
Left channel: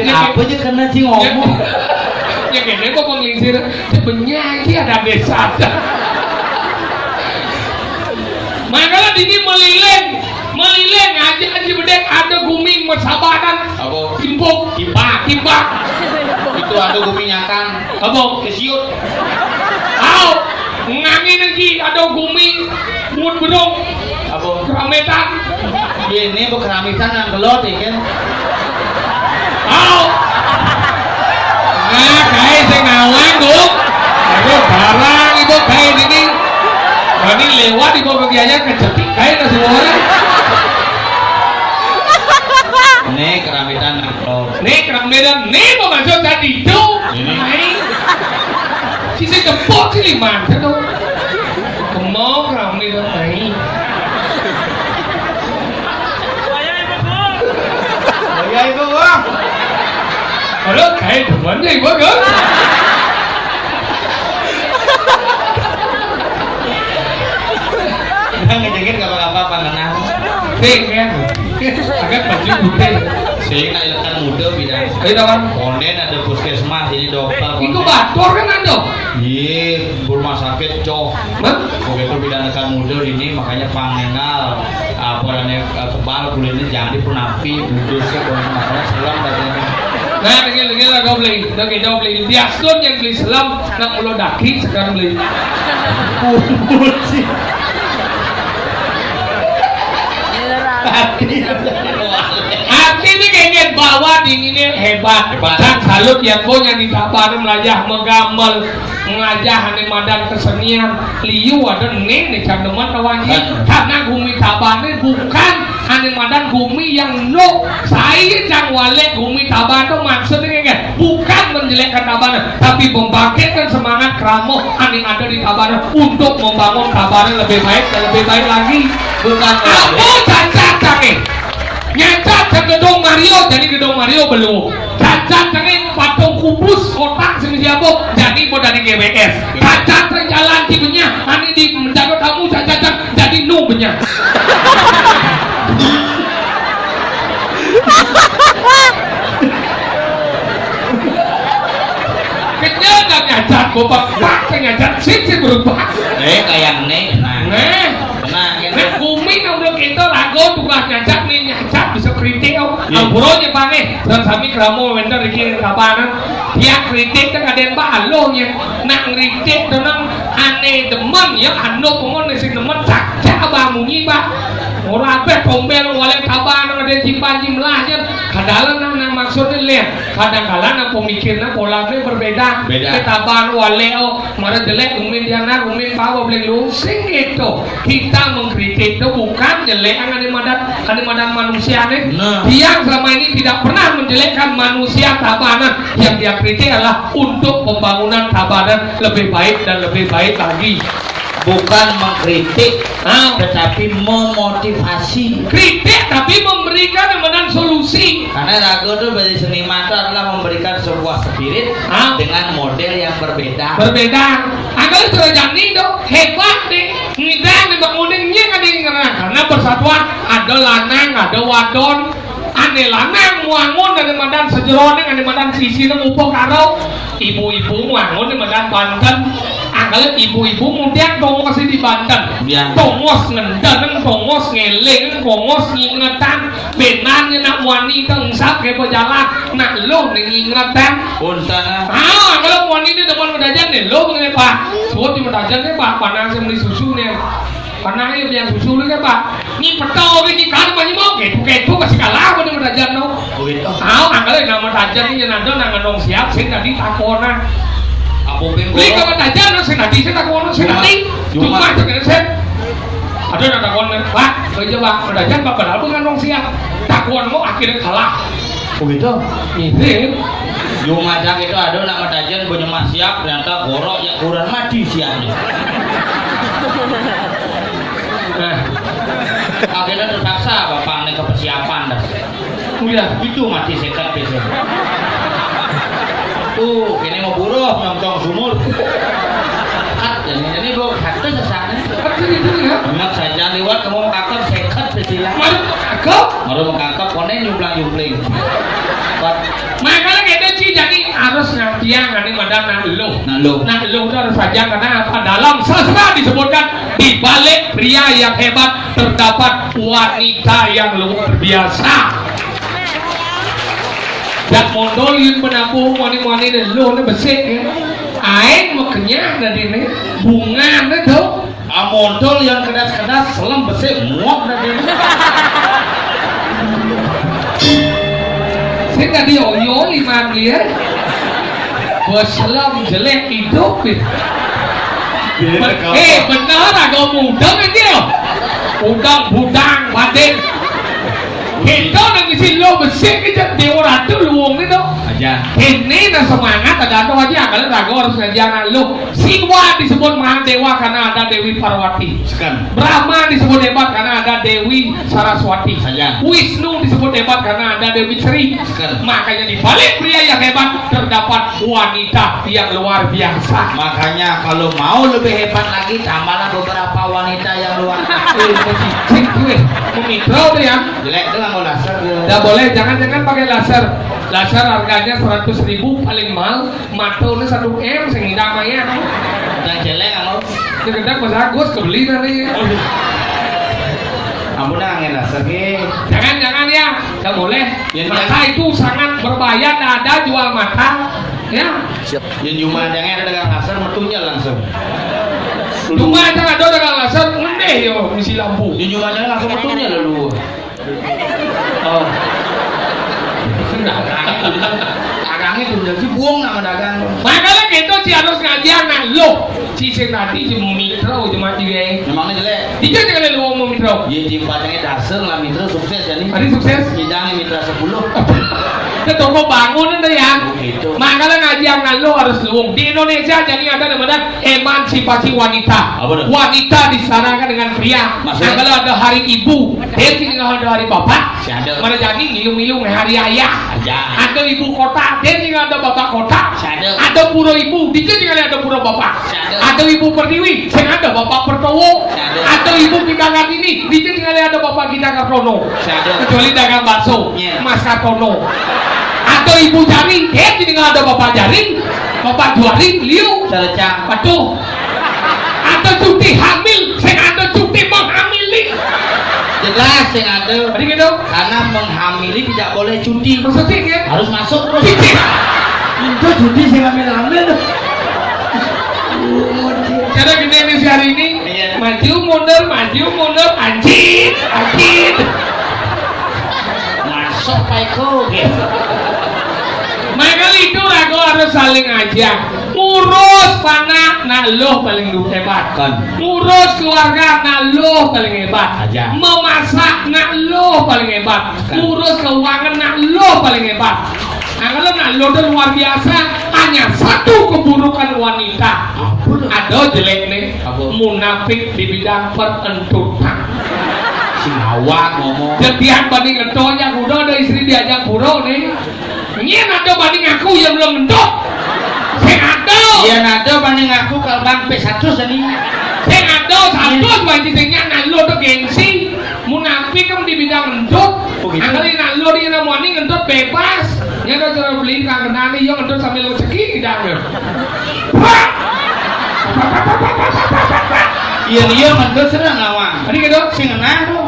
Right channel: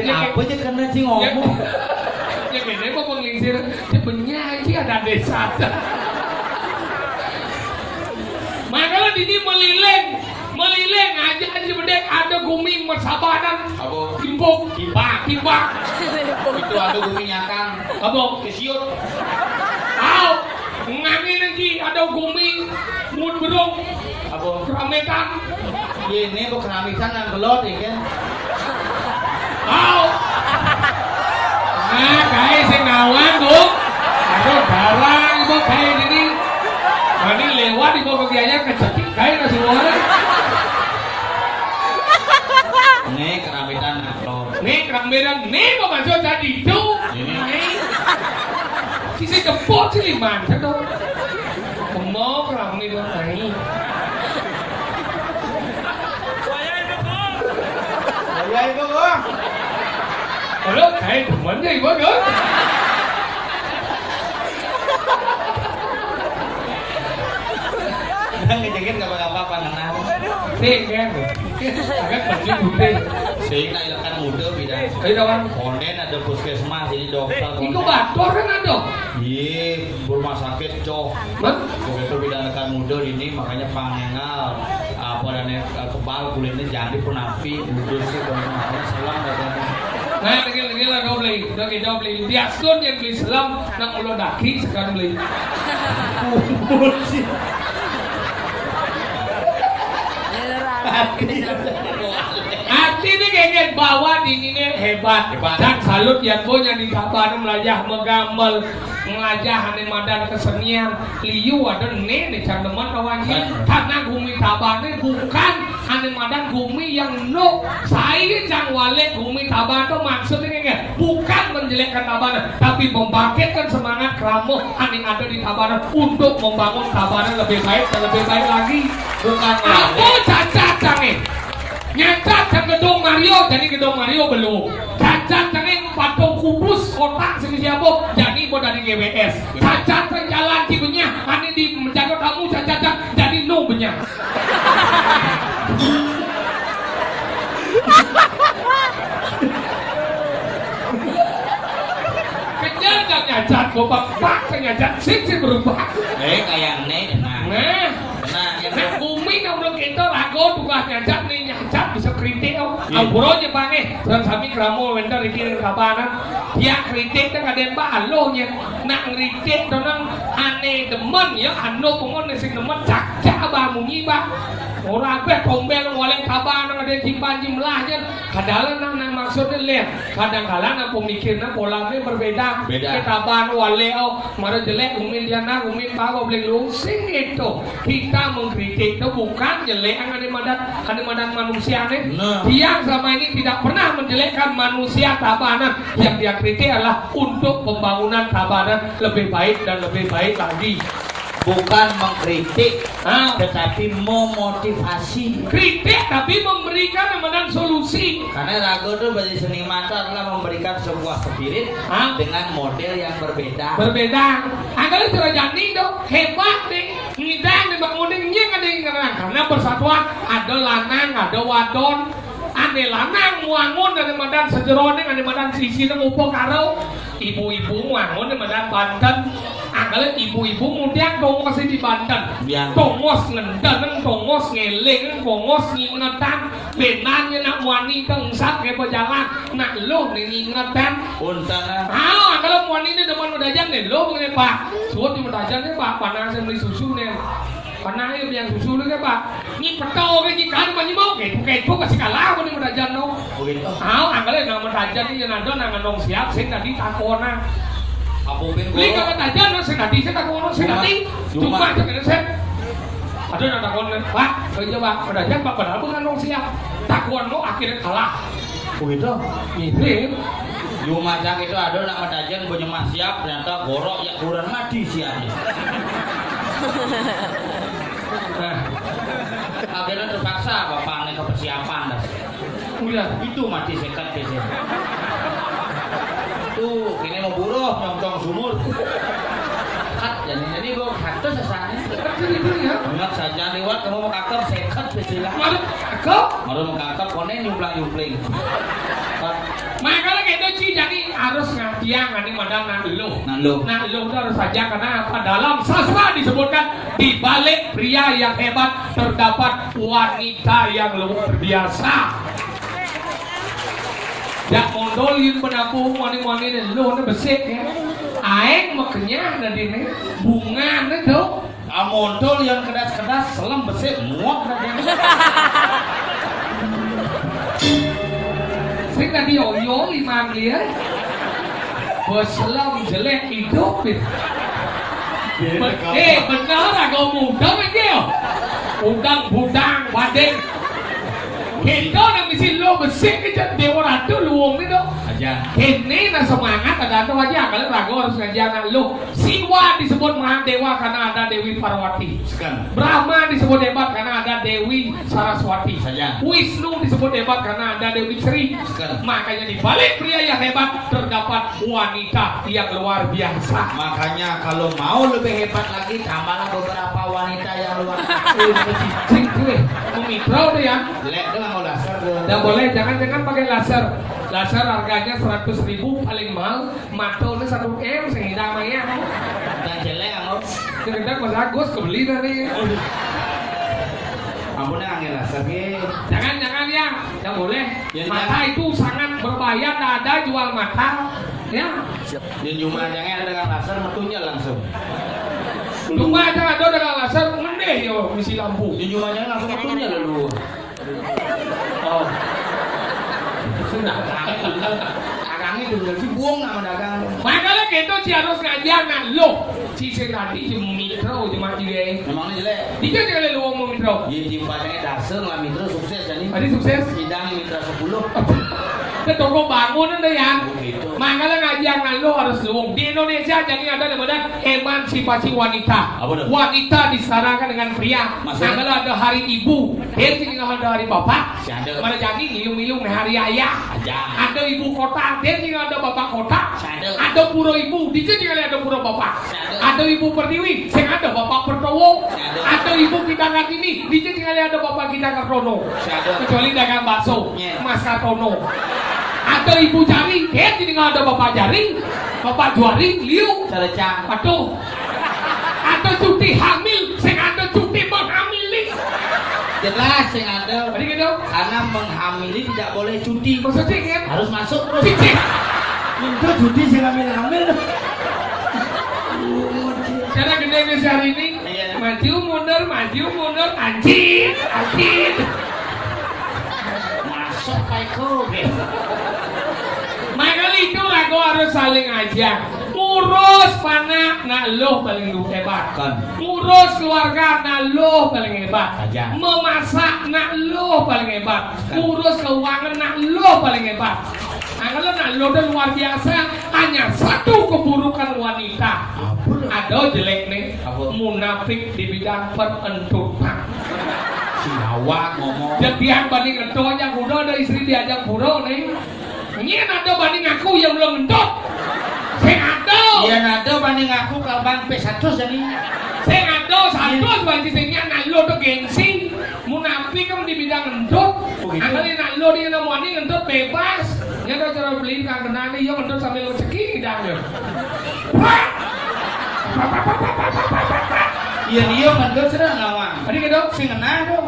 Apa aja karena sih ngomong. Ya kayaknya kok menginsir penyanyi ada desa. Makanya di sini meliling aja bedek ada gumi masabakan. Apa? Timbak. Itu ada guminyakan. Apa? Kesiut. Ngangin lagi ada gumi mut berong. Apa? Kerametan. Ini keramitan yang gelot ya kan. Nah, kayak saya ngawang dong. Ada barang ibu kayak ini. Ini lewat ibu bagiannya kecetik kayak semua. Ini keramitan yang gelot. Nih mau masuk tadi itu. Sisi kepot sih liman kan tuh. Kemau keramitan ini. Ya itu bang. Aduh, kayak temannya ibu kan? Ngejengit gak apa-apa ngenang. Kan? Agak baju putih. Sehingga ilkan muda bidang. Ayo kawan. Konden ada puskesmas ini dokter. Itu bator kan ada? Iya, rumah sakit cok. Hah? Begitu bidang ilkan muda ini makanya pangenal. Apa dan kebal kulitnya jadi penapi budusnya kalau masalah selam katanya. Nah, lagi lah kau beli. Kita beli biasun yang beli selam nak mulut daki sekarang beli. Sih. Hati ini kayaknya bawa dinginnya hebat. Dan salut yang punya di kabar melajah megamel melajah ane madan kesenian liu ada nih candeman kawannya karena gumi tabannya bukan ane madan gumi yang no saya jangan wale gumi taban itu maksudnya kan bukan menjelekkan taban tapi membangkitkan semangat kramo ane ada di taban untuk membangun taban lebih baik dan lebih baik lagi bukan apa cacat cange. Nyacat ke gedung Mario, jadi gedung Mario belum. Cacat cange patung kubus kotak sing siabok, jadi mau dari GWS. Cacat ke jalan Cibunya, ane di menjaga tamu cacat jadi nubnya. Kenyata nyacat bapak nyacat sih berubah. Kayak nih, Nah, kumi namun kita lagu tukang nyacat nih nyacat bisa kritik Alburonya pange dan sami keramo wender iki kapanan dia kritik kan ada yang balo nya nak kritik dengan ane demen ya anu pemon sing demen cak abah munyi bah ora ape tombel wale kapan ada simpan jumlahnya kadang nang maksudnya lihat kadang-kadang nang pemikirnya polanya berbeda ketaban wale mara jelek umin diana umin bawa boleh lusing itu kita mengkritik itu bukan jelek ane madan manusia nih dia selama ini tidak pernah menjelekkan manusia tabanan yang dia kritik adalah untuk pembangunan tabanan lebih baik dan lebih baik lagi bukan mengkritik tetapi memotivasi kritik tapi memberikan kemudian solusi karena lagu itu bagi seniman itu adalah memberikan sebuah spirit dengan model yang berbeda agar terjadi dong hebat deh nggak dibangunnya nggak dengeran karena persatuan ada lanang ada wadon ane lanang wangun dari madan sejeroning ane madan sisi nang upo karo ibu-ibu wangun dari madan Banten anggalan ibu-ibu kemudian tongos di Banten tongos ngendang tongos ngeleng tongos ngingetan benarnya nak wanita ngsak kayak berjalan nak lo ngingetan anggalan wanita depan medajan nih lo nih pak suat di medajan nih pak panas yang beli susu nih karena ayo yang susu nih pak ini petau ini kan banyak mau ketu kasih kalah pada medajan no anggalan nama medajan ini yang ada nang siap sih tadi takona beli ke medajan no sih tadi saya takona sih tadi cuma sekedar saya ada nang takona pak kerja pak medajan pak padahal bukan nong siap takona mau akhirnya kalah begitu ini Lumajang itu ada nama dajan punya siap ternyata gorok ya kurang mati siapnya akhirnya terpaksa bapak nih ke persiapan dah udah itu mati sekat besok tuh kini mau buruh nyongcong sumur jadi bro kata sesana ingat saja lewat kamu mau kakak sekat besok baru mau kakak konen nyumplang makanya kita sih jadi harus ngatian nanti pada nah lu itu harus saja karena apa dalam sastra disebutkan di balik pria yang hebat terdapat wanita yang luar biasa dan mondolin menampung wanita lu ini besik ya aing makanya dari ini bunga itu mondol yang kedas-kedas selam besik muak dari ini saya tadi oyo lima dia berselam jelek hidup benar agak muda kan dia udang badan kita nang isi lo besik kita di orang tu luang ni tu aja ini dah semangat ada tu aja kalau ragu harus ngajaran lo Siwa disebut Mahadewa karena ada Dewi Parwati Brahma disebut hebat karena ada Dewi Saraswati Wisnu disebut hebat karena ada Dewi Sri makanya di balik pria yang hebat terdapat wanita yang luar biasa makanya kalau mau lebih hebat lagi tambahlah beberapa wanita yang luar biasa mikro tu ya jelek tu lah mau laser tidak boleh jangan pakai laser harganya 100.000 paling mahal matanya 1 M sehingga namanya yang jelek kalau tidak bagus kebeli dari ampun angin laser ni jangan ya tidak boleh mata itu sangat berbahaya tidak ada jual mata ya yang cuma jangan ada laser metunya langsung cuma jangan ada dengan laser ngedeh ya misi lampu yang cuma jangan langsung metunya lalu dagangnya tuh jadi buang nama dagang makanya kita sih harus ngajaran lo si senati si mitra cuma dia namanya jelek dia jangan lu ngomong mitra ya di padangnya dasar lah mitra sukses jadi tadi sukses hidangnya mitra 10 ada toko bangunan deh ya. Begitu. Makanya ngajian lo harus luwung. Di Indonesia jadi ada namanya emansipasi wanita. Apa tuh? Wanita disarankan dengan pria. Maksudnya? Kalau ada hari ibu, dia tinggal ada hari bapak. Si ada. Mana jadi ngilu-ngilu hari ayah. Aja. Ada ibu kota, dia tinggal ada bapak kota. Si ada. Ada pura ibu, dia tinggal ada pura bapak. Si ada. Ada ibu pertiwi, saya ada bapak pertowo. Si ada. Ada ibu kita ini, dia tinggal ada bapak kita Kartono. Si ada. Kecuali dagang bakso, Iya. Mas Kartono. Ada ibu jaring, dia tinggal ada bapak jaring, bapak juaring, liu. Salecang. Waduh. Ada cuti hamil, saya ada cuti menghamili. Jelas yang ada. Tadi gitu. Karena menghamili tidak boleh cuti. Maksudnya kan? Harus masuk terus. Cici. Itu cuti sih hamil-hamil. Cara gini nih si hari ini, Iya. maju mundur, anjing. Masuk Paiko. Makanya itu ragu harus saling ajak. Ngurus panak, nah lo paling hebat. Kan. Ngurus keluarga, nah lo paling hebat. Aja. Memasak, nah lo paling hebat. Kan. Ngurus keuangan, nah lo paling hebat. Nah kalau nah lo udah luar biasa, hanya satu keburukan wanita. Apa? Ada jelek nih, Apa? munafik di bidang perentutan. Si Hawa ngomong. Jadian banding entonya kuda ada istri diajak buro nih. Ini ada banding aku yang belum entok. Saya ada. Iya nado banding aku kalau bang P100 tadi. Saya ada satu wajibnya nalo tuh gengsi. Munafik kan di bidang entok. Oh, gitu. Angkali nalo dia namanya entok bebas. Ya udah cara beli kangen nih yo entok sambil rezeki dah. Iya ngendut serang awang. Tadi gitu. Sing enak tuh.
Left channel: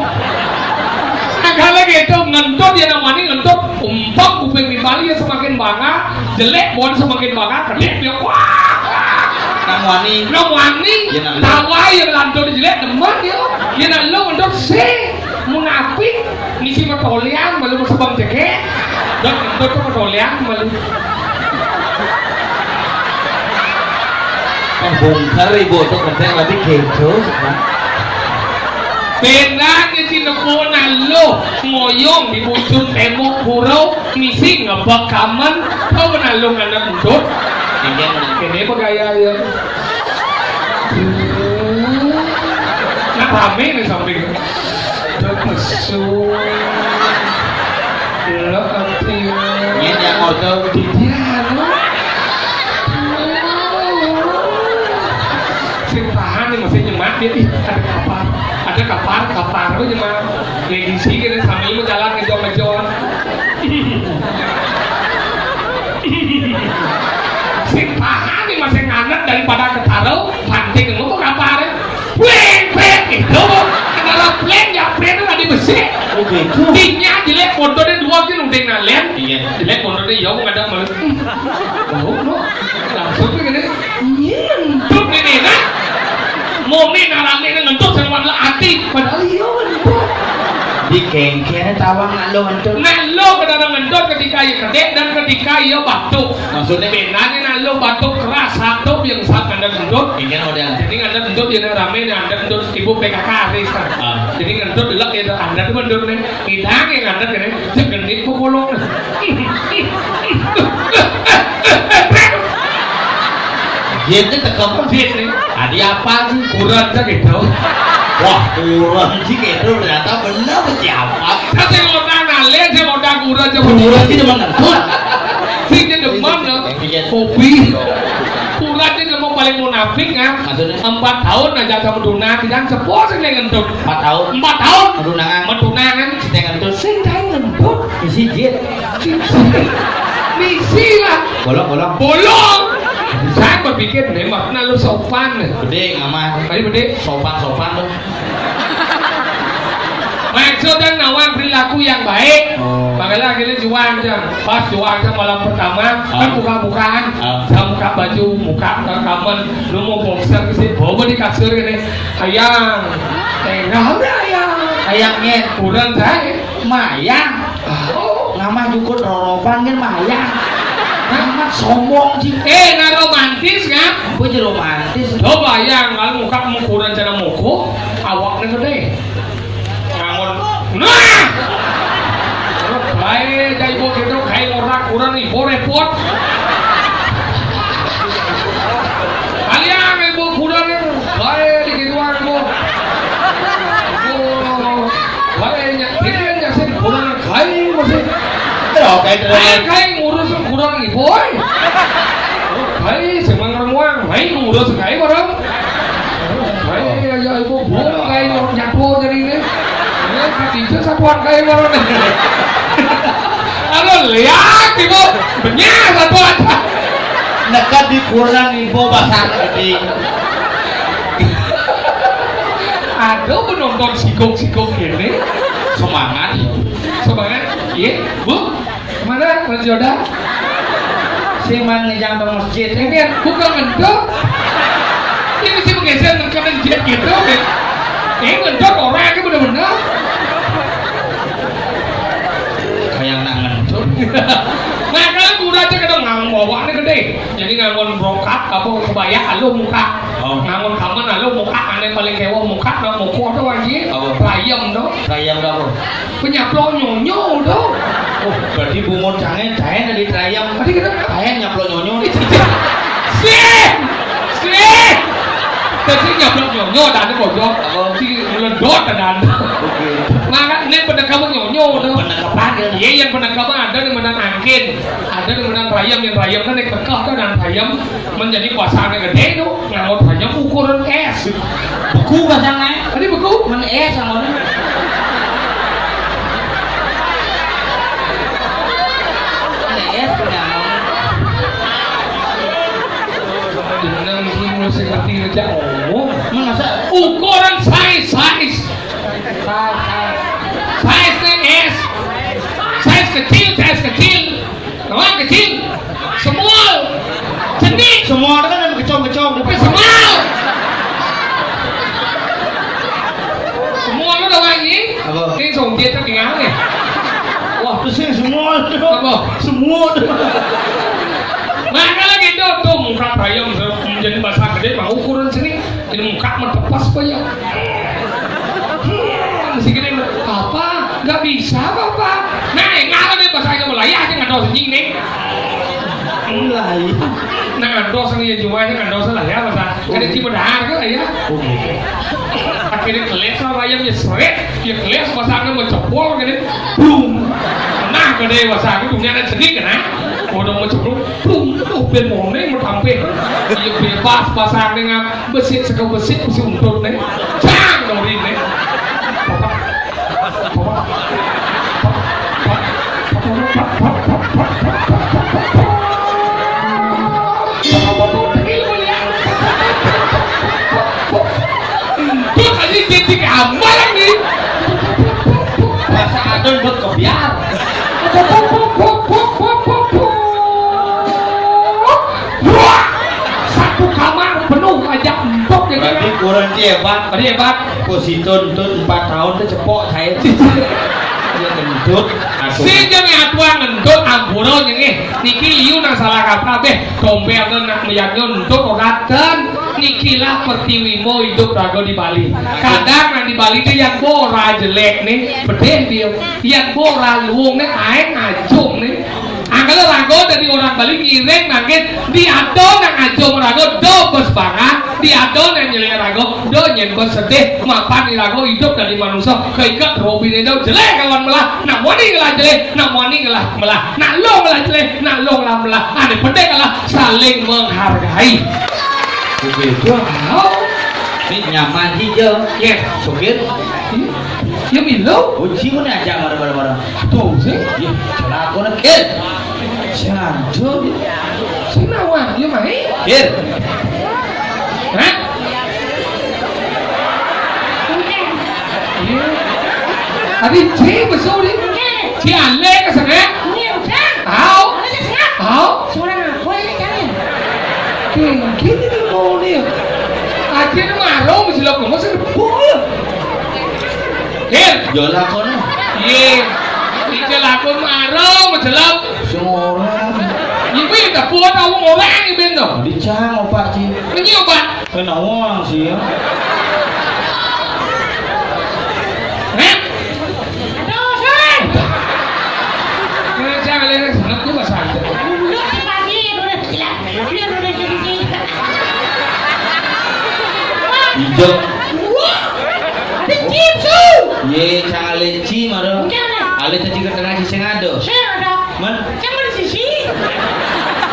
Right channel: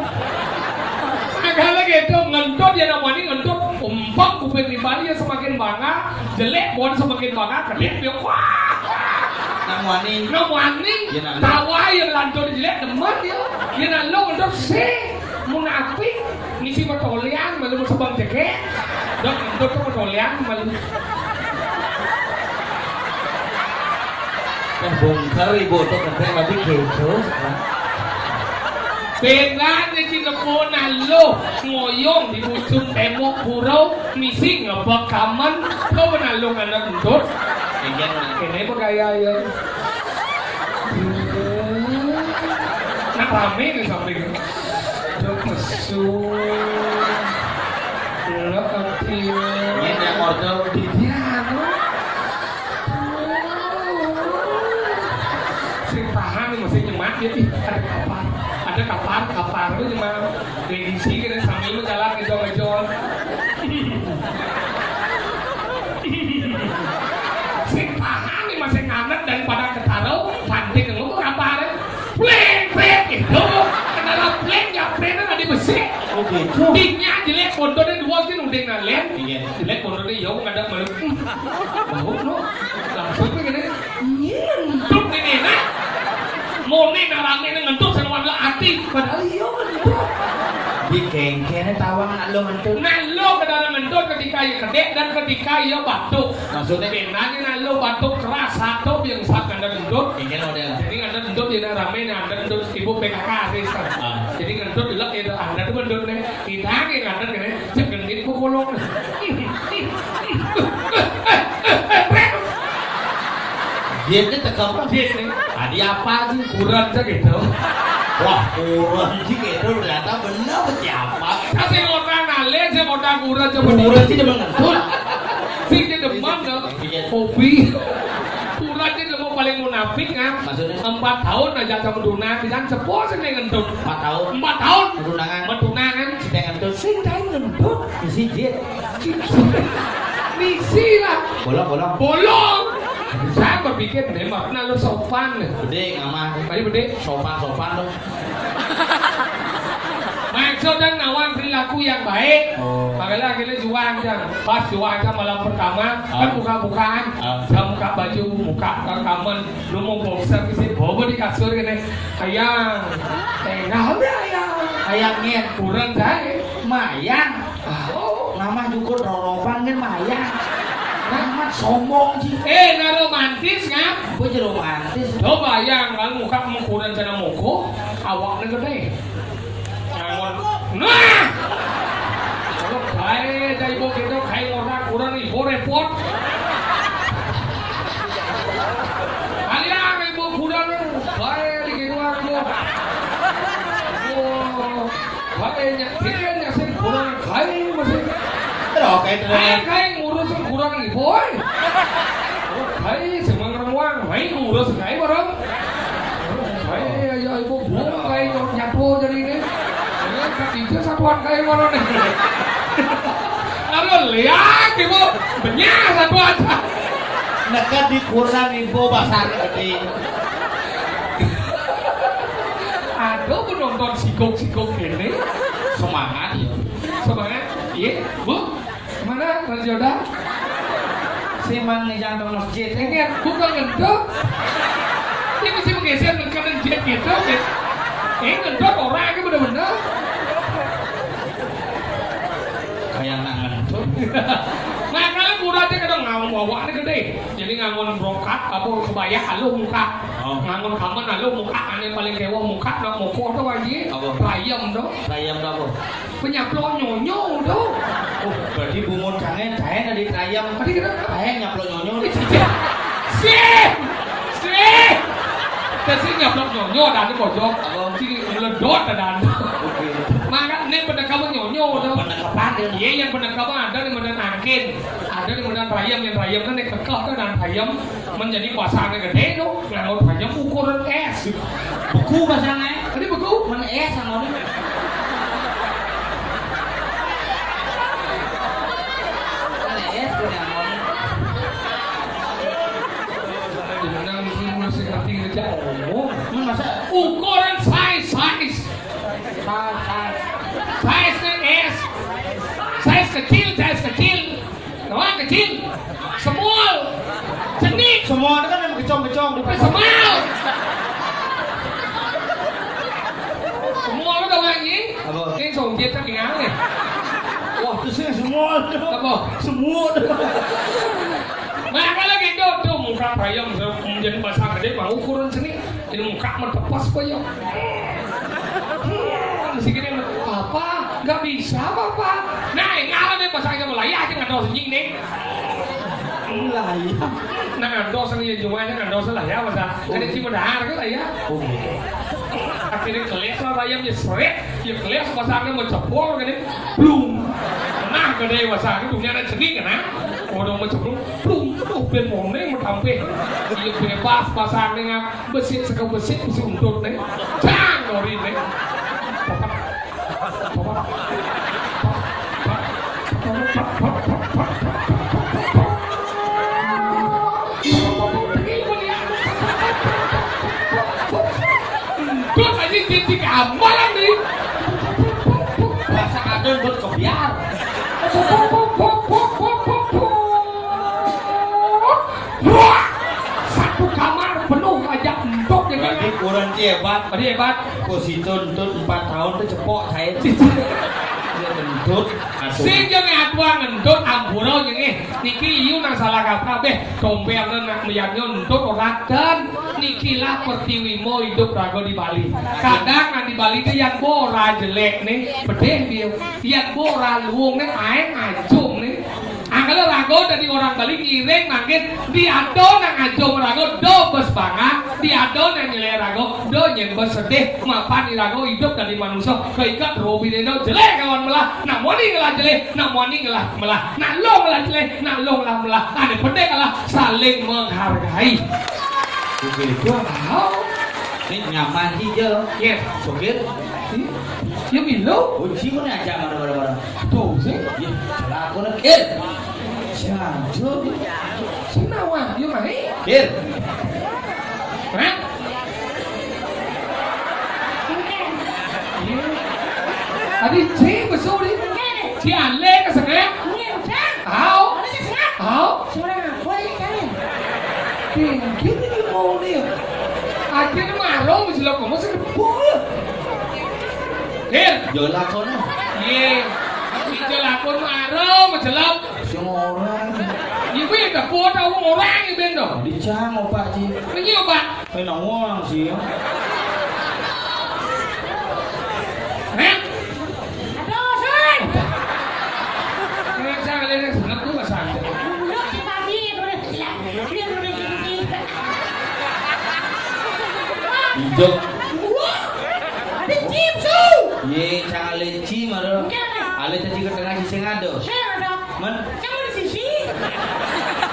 Kalau gitu ngentut dia namanya ngentut umpak kuping di Bali ya semakin bangga, jelek bon semakin bangga, kedip dia wah. Nang wani. Nah wani, Ya, nah, tawa yang lantur jelek demen dia, dia nak lo ngentut sih, munafik, misi metolian malu sebab cekek, dan ngentut tuh metolian malu. Bongkar ibu tuh kerja lagi kejo. Benar di sini pun lo ngoyong di ujung tembok purau, misi ngebak kaman, kau benar lo nggak ngentut. Ini apa gaya ya? Nah rame nih samping. Terpesu. Lo anti. Ini yang order. Si tahan nih masih nyemak dia ada kapar lu nyemak. Edisi gitu sambil lu jalan ngejon. Si tahan nih masih nganet daripada ketaruh panting ngomong kapar ya. Pleng gitu. Kenapa pleng ya pleng itu ada besi. Oh gitu. Tinya jelek fotonya dua kan udah ngalian. Iya. Jelek fotonya yang nggak ada malu. Oh, langsung tuh gini. Nyentut ini nah. Mau nih narame ngentut sama hati. Padahal iya ngentut. Di kengkene tawang nak lo ngentut. Nah lo kadang ngentut ketika ia kedek dan ketika ia batuk. Maksudnya? Benarnya nah lo batuk keras satu yang saat anda ngentut. Kengkene model. Jadi anda ngentut yang rame nih anda ngentut ibu PKK Rizka. Jadi ngentut dulu itu anda tuh ngentut nih. Hidang yang anda kene segenit pukulong. Dia itu tekap Dia nih. Adi apa sih? Kurang aja gitu. Wah kurang sih gitu ternyata benar siapa? Tapi kalau nale saya mau kurang aja. Kurang sih demen ngentut. Sih dia demen loh. Hobi. Kurang dia mau paling munafik kan. Maksudnya? 4 tahun aja sama Duna dan sepuh sih yang ngentut. 4 tahun. 4 tahun. Medunangan. Medunangan. Kita ngentut. Sing kayak ngentut. Isi jit. Misi lah. Bolong. Bolong. Saya berpikir nih makna lu sopan. Gede ngaman. Tadi gede. Sopan tuh. Maksudnya nawang perilaku yang baik. Oh. Makanya akhirnya juang jang. Pas juang jang malam pertama kan buka-bukaan. Saya buka baju, buka rekaman. Lu mau boxer ke sini, bawa di kasur gini. Ayang, tengah udah ayang. Ayangnya Kurang saya. Mayang. Oh. Nama juga roroban kan Mayang. Nama sombong sih. Nggak romantis kan? Apa aja romantis. Coba yang kalau muka ukuran cara muku, awaknya gede. Ngangon. Nah! Kalau baik Jai ibu kita kayak orang ibu repot. Kalian ibu kurang kayak di keluar ibu. Kayak nyakirin sih kurang kayak masih. Kayak ngurus kurang ibu. Kayak semangat uang, kayak ngurus kayak orang. Kayak ya ibu belum kayak nyapu jadi ini. Itu satuan kayak orang nih. Aduh lihat ibu, banyak satuan. Nekat dikurang ibu pasang tadi. Aduh penonton sikok ini semangat, iya bu, kemana Mas Joda? Si man ngejang tong masjid. Ini bukan ngendok. Ini sih bergeser ke masjid gitu. Ngendok orang itu benar-benar. Kayak nak ngendok. Makanya kurangnya kadang ngangon bawaannya gede. Jadi ngangon brokat apa kebaya alu muka. Ngangon kaman alu muka. Aneh paling kewa muka nak muka tuh wajib. Rayam tuh. Rayam apa? Penyaplok nyonyo tuh. Oh, berarti bungun jangan dari rayam. Tadi kenapa? Kayak nyaplok nyonyo. Sih. Tapi nyaplok nyonyo ada bocor. Si meledot ada. Maka ini penangkapan nyonyo tuh. Penangkapan ya. Iya yang penangkapan ada di mana angin, ada di mana rayam yang rayam kan dikekeh tuh dan rayam menjadi kuasanya gede tuh. Ngangot rayam ukuran es. Beku pasangnya. Tadi beku? Mana es sama mana? Es punya Dengan mulai seperti aja. Oh, masa ukuran size es. Size kecil. Kawan kecil. Semua. Sedih. semua kan ada kecong-kecong Tapi semua lo đâu anh nhỉ? Apa? Cái sòng tiết trong cái áo này. Wah, itu semua tuh. Apa? Semua tuh. Makanya gitu tuh muka bayam menjadi bahasa gede mau ukuran sini ini muka mentepas aja. Masih gini apa? Gak bisa bapak. Nah, ngalah deh bahasa aja Melayu aja nggak tahu sendiri nih. Mulai. Nah, nggak tahu sendiri cuma aja nggak tahu salah ya bahasa. Ada cuma dah kan ya. Akhirnya keles lah bayamnya seret, dia keles bahasa anda mencepol kan boom. Nah, gede bahasa itu punya ada sedikit kan? Udah mencepol, boom. Tuh ben mone mau tampil. Dia bebas bahasa dengan besit sekau besit mesti untuk nih. Cang dong ini. Titik amal lagi. Bahasa adon buat kebiar. Wah, satu kamar penuh aja empuk ya kan? Berarti kurang hebat. Tadi hebat. Positun tuh 4 tahun tuh cepok saya. Dia kentut. Si jangan atuan ngendut ampuron ini. Niki iu nang salah kata beh. Tombel nak meyaknya untuk oraten. Niki lah pertiwimo hidup rago di Bali. Kadang nang di Bali itu yang bora jelek nih, bedeh dia. Yang bora luung nih, aeng ajung nih. Angkala rago dari orang Bali ngiring nangin diado nang ajung rago do bes banget, diado nang jelek rago do nyen bes sedih. Mapan di rago hidup dari manusia keikat robin itu jelek kawan melah. Nak wani ngelah jelek, nak wani ngelah melah. Nak lo ngelah jelek, nak lo ngelah melah. Ane bedeh kalah saling menghargai. Begitu. Wow. Ini nyaman hijau. Yes. Sopir. Yang milo. Kunci mana aja barang-barang. Tuh sih. Ya, salah aku nak. Jangan. Senawan, dia main. Kir. Hah? Adi cik besar ni. Cik alek ke sana? Au. Au. Gini ni mau ni. Akhirnya marah mesti lakukan masa depan. Kir. Jolah kau ni. Ye. Jika lakon marah mesti lakukan. Semua orang. Ibu yang tak puas tahu orang ni benda. Dicang opak sih. Ini obat. Kena uang sih. Hah? Hijau. Dicip su. Ye cale ci maro. Ale tadi ke tengah sisi ngado. Saya ada. Man, Campur di sisi.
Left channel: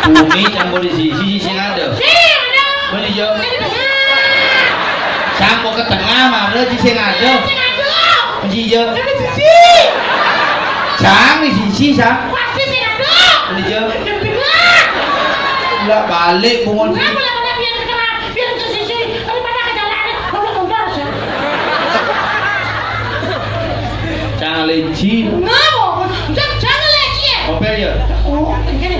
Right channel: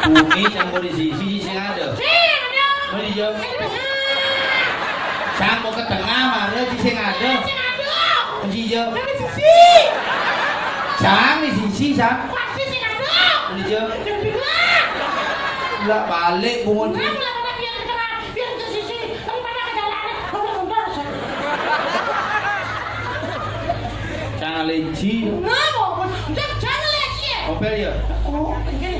bumi campur di sisi ngado. Saya ada. Man hijau. Saya di tengah. Campur ke tengah maro sisi ngado. Saya ada. Man hijau. Saya di sisi. Cang di sisi sang. Pasti saya ada. Man hijau. Yang bilang. Enggak balik bungon Kenapa sini. yang biar ke tengah, biar ke sisi, daripada ke jalan, kalau mundur sih. Cang leci. Ngapa? Jangan lagi ya. Opel ya. Oh, ini.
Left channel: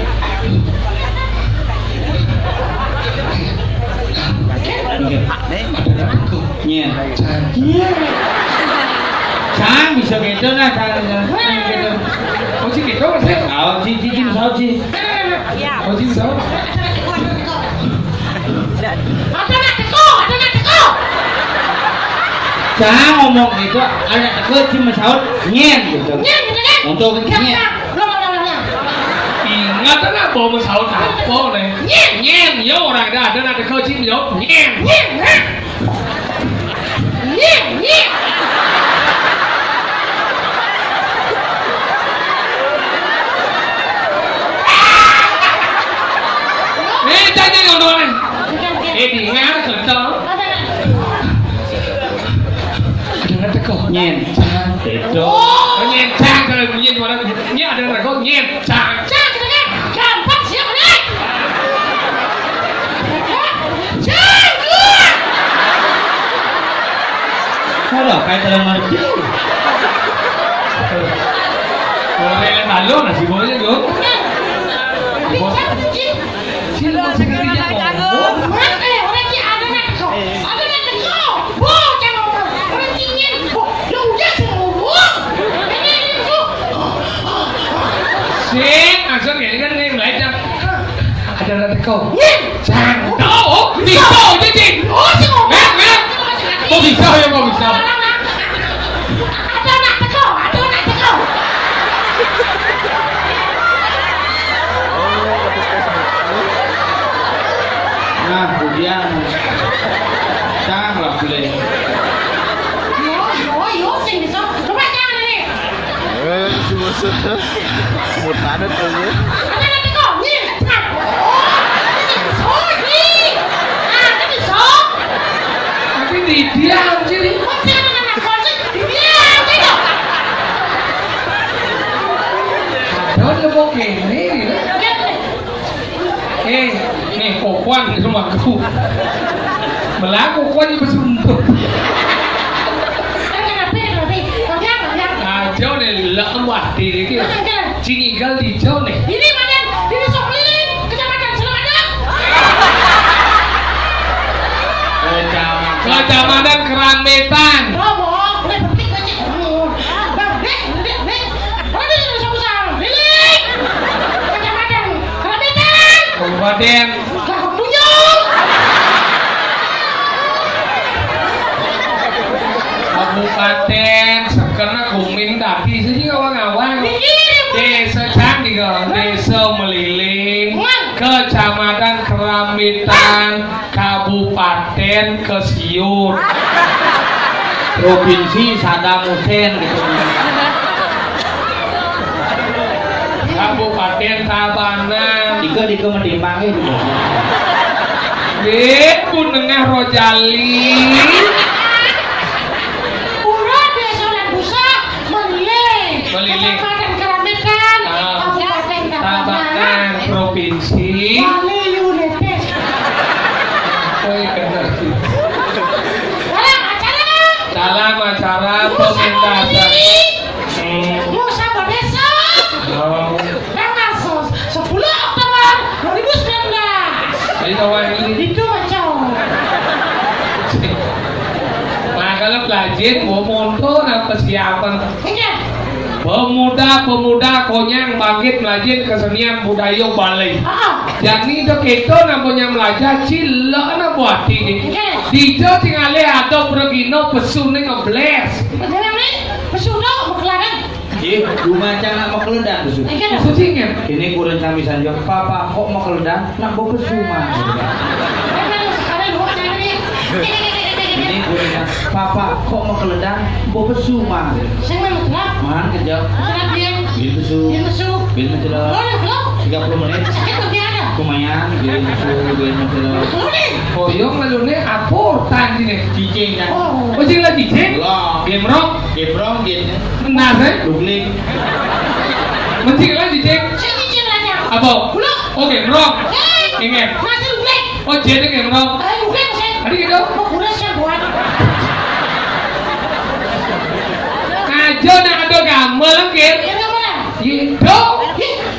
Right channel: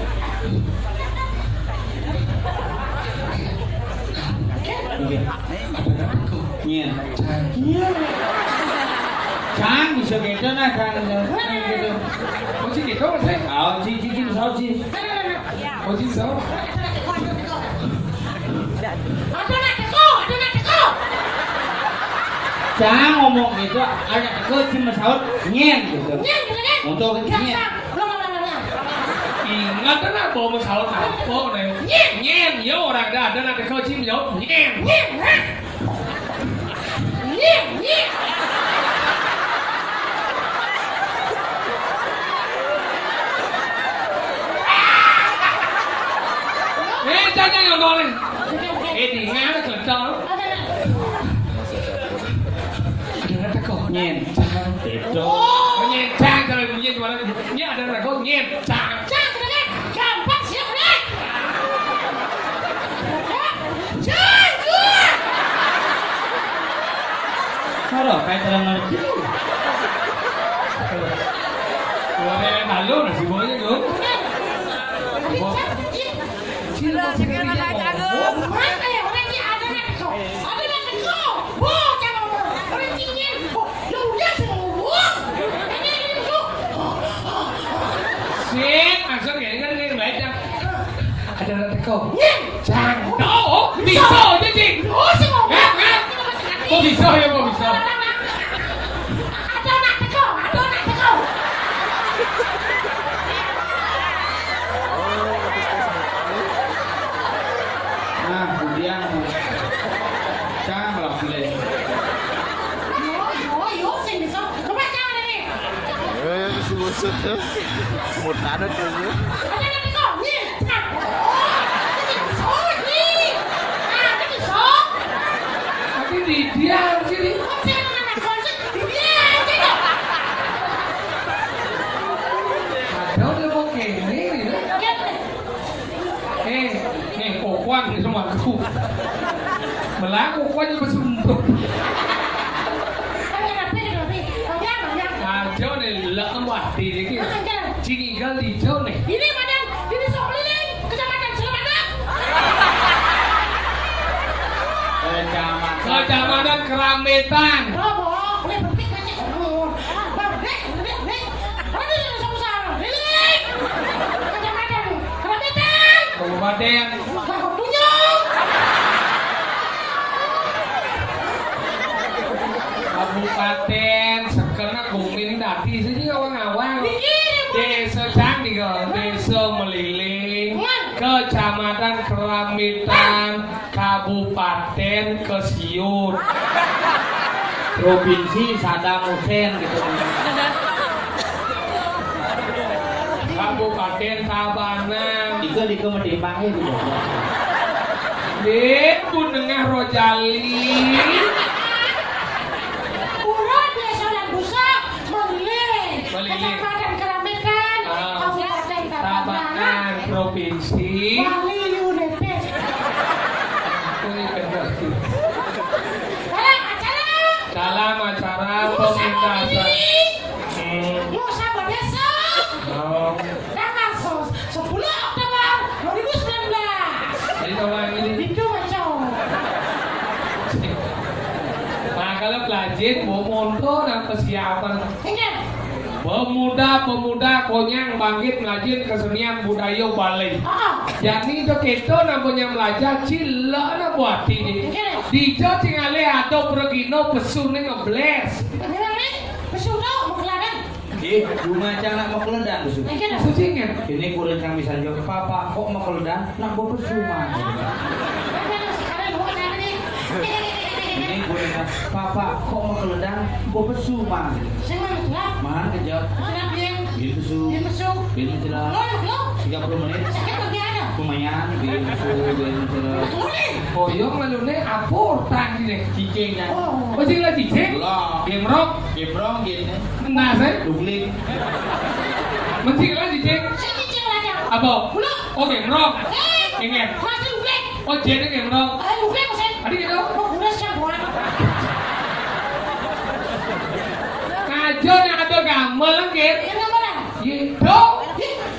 Oke. Ada aku. Nyen. Iya. Cang bisa gitu nah cang. Oh sih gitu saya. Kau cici sao ci. Oh sih bisa. Ada nak teko. Cang ngomong itu ada teko cuma saut nyen gitu. Nyen. Untuk nyen. Ingat kan bawa pesawat apa nih? Nyen, ya orang ada nanti kau cium jawab nyen. Jangan ngomong. Di ngar kelentang. Ada teko. Nyen. Itu. Oh nyen cang kalau bunyi di mana? Ini ada teko nyen cang. Kalau kayak dalam arti. Orang lalu nasi boleh dong. Sini mau sekertinya ngomong. Sing, asal ini kan yang lain dah. Ada nanti kau. Cang. Oh, bisa jadi. Kok bisa ya, kok bisa. Ada nak teko. Nah, kemudian cang lah boleh. Yo, sing bisa. Coba jangan ini. Một tháng đất cái gì? Ada nak teko. Ni. Oh, ni. Ah, cái gì so? Tapi di diam sini. Đó là vô kể thế gì đó. Ê, này cổ quan thì không bằng khu. Mà lá cổ quan như mà sùng tụt. Chỗ này lỡ ngoặt thì đấy kia. Chị nghĩ gân thì chỗ này. Ini badan, ini sok keliling, kecamatan Selamadan. Kecamatan Kerambetan. Bobo, boleh berarti gue cek dulu. Nih. Ada di besar-besar. Keliling. Kecamatan Kerambetan. Kabupaten. Bunjung. Kabupaten sekarang kumin tadi sini awang-awang. Desa Candi kok, Desa Meliling, Kecamatan Kerambetan, Kabupaten Kesiut, Provinsi Saddam Hussein gitu. Kabupaten Tabanan, Dika menimbangnya gitu. Ku Nengah Rojali, Urut Desa dan Busa, Meliling. Meliling. Kecamatan Kerambetan, Kabupaten Tabanan, Provinsi. Wali United. Koi benar sih. Acara. Dalam acara pementasan. Musa Desa. Oh, Tanggal 10 Oktober 2019. jadi kawan ini. Itu macam. Nah kalau pelajar mau monto nah persiapan Ingat. pemuda konyang bangkit melajin kesenian budaya Bali. Jadi itu kita namanya belajar cila na buat ini. Di Jawa tinggalnya ada bergino pesu nih ngebles. Beneran nih? Pesuno berkelaran. Rumah anak mau keledang tuh. Susingnya. Ini kurang kami saja. Papa kok mau keledang? Nak bawa pesuma. Ini kurang. Papa kok mau keledang? Bawa pesuma. Man kejap. Bil pesu. Bil mencelok. 30 menit. Lumayan. Bil pesu. Bil mencelok. Boyong lalu nih apur tadi nih. Cicing kan. Oh cing lagi cing. Belum. Gemrong. Gebrong gitu. Nasai. Dugling. Mencing lagi cing. Apa? Oh gemrong. Ingat. Oh jadi gemrong. Adi gitu. Aja nak ada gamel gitu. Gitu.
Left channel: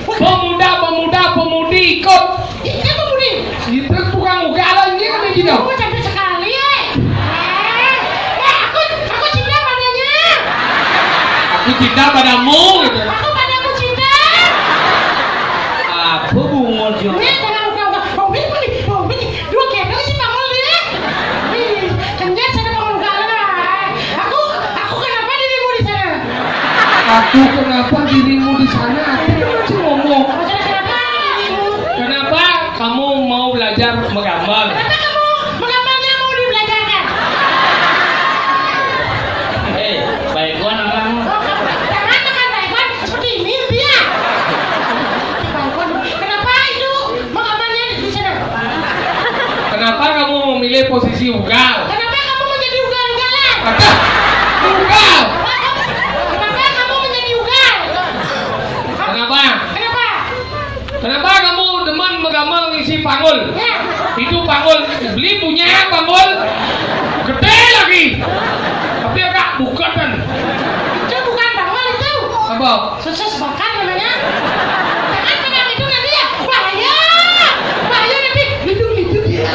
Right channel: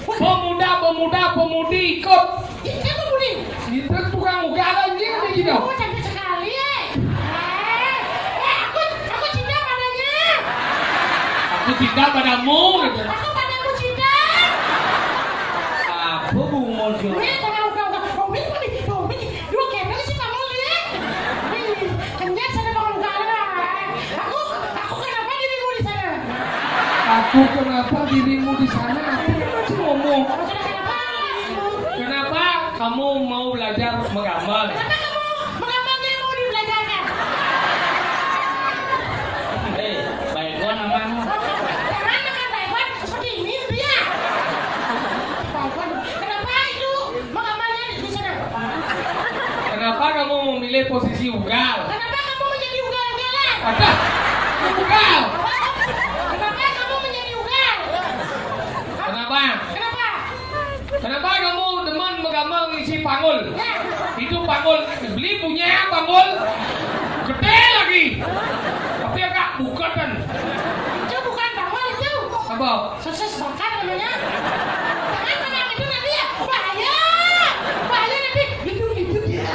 Pemuda-pemudi ikut. Itu tukang ugalan dia kan gitu. Aku cinta padamu gitu. Apa bungol jo? Aku kenapa dirimu di sana? Aku masih ngomong. Kenapa kamu mau belajar menggambar? Baikon alang. Kenapa kamu memilih posisi ugal? Kenapa kamu menjadi ugal-ugalan? Kata ugal. Kenapa kamu menjadi ugal? Kenapa? Kenapa? Kenapa kamu demen menggambar ngisi panggul? Ya. Itu panggul beli punya panggul gede lagi. Tapi agak bukan kan? Itu bukan bawal itu. Apa? Susus bakar namanya. Jangan kena itu nanti ya. Bahaya. Bahaya nanti. Hidup ya.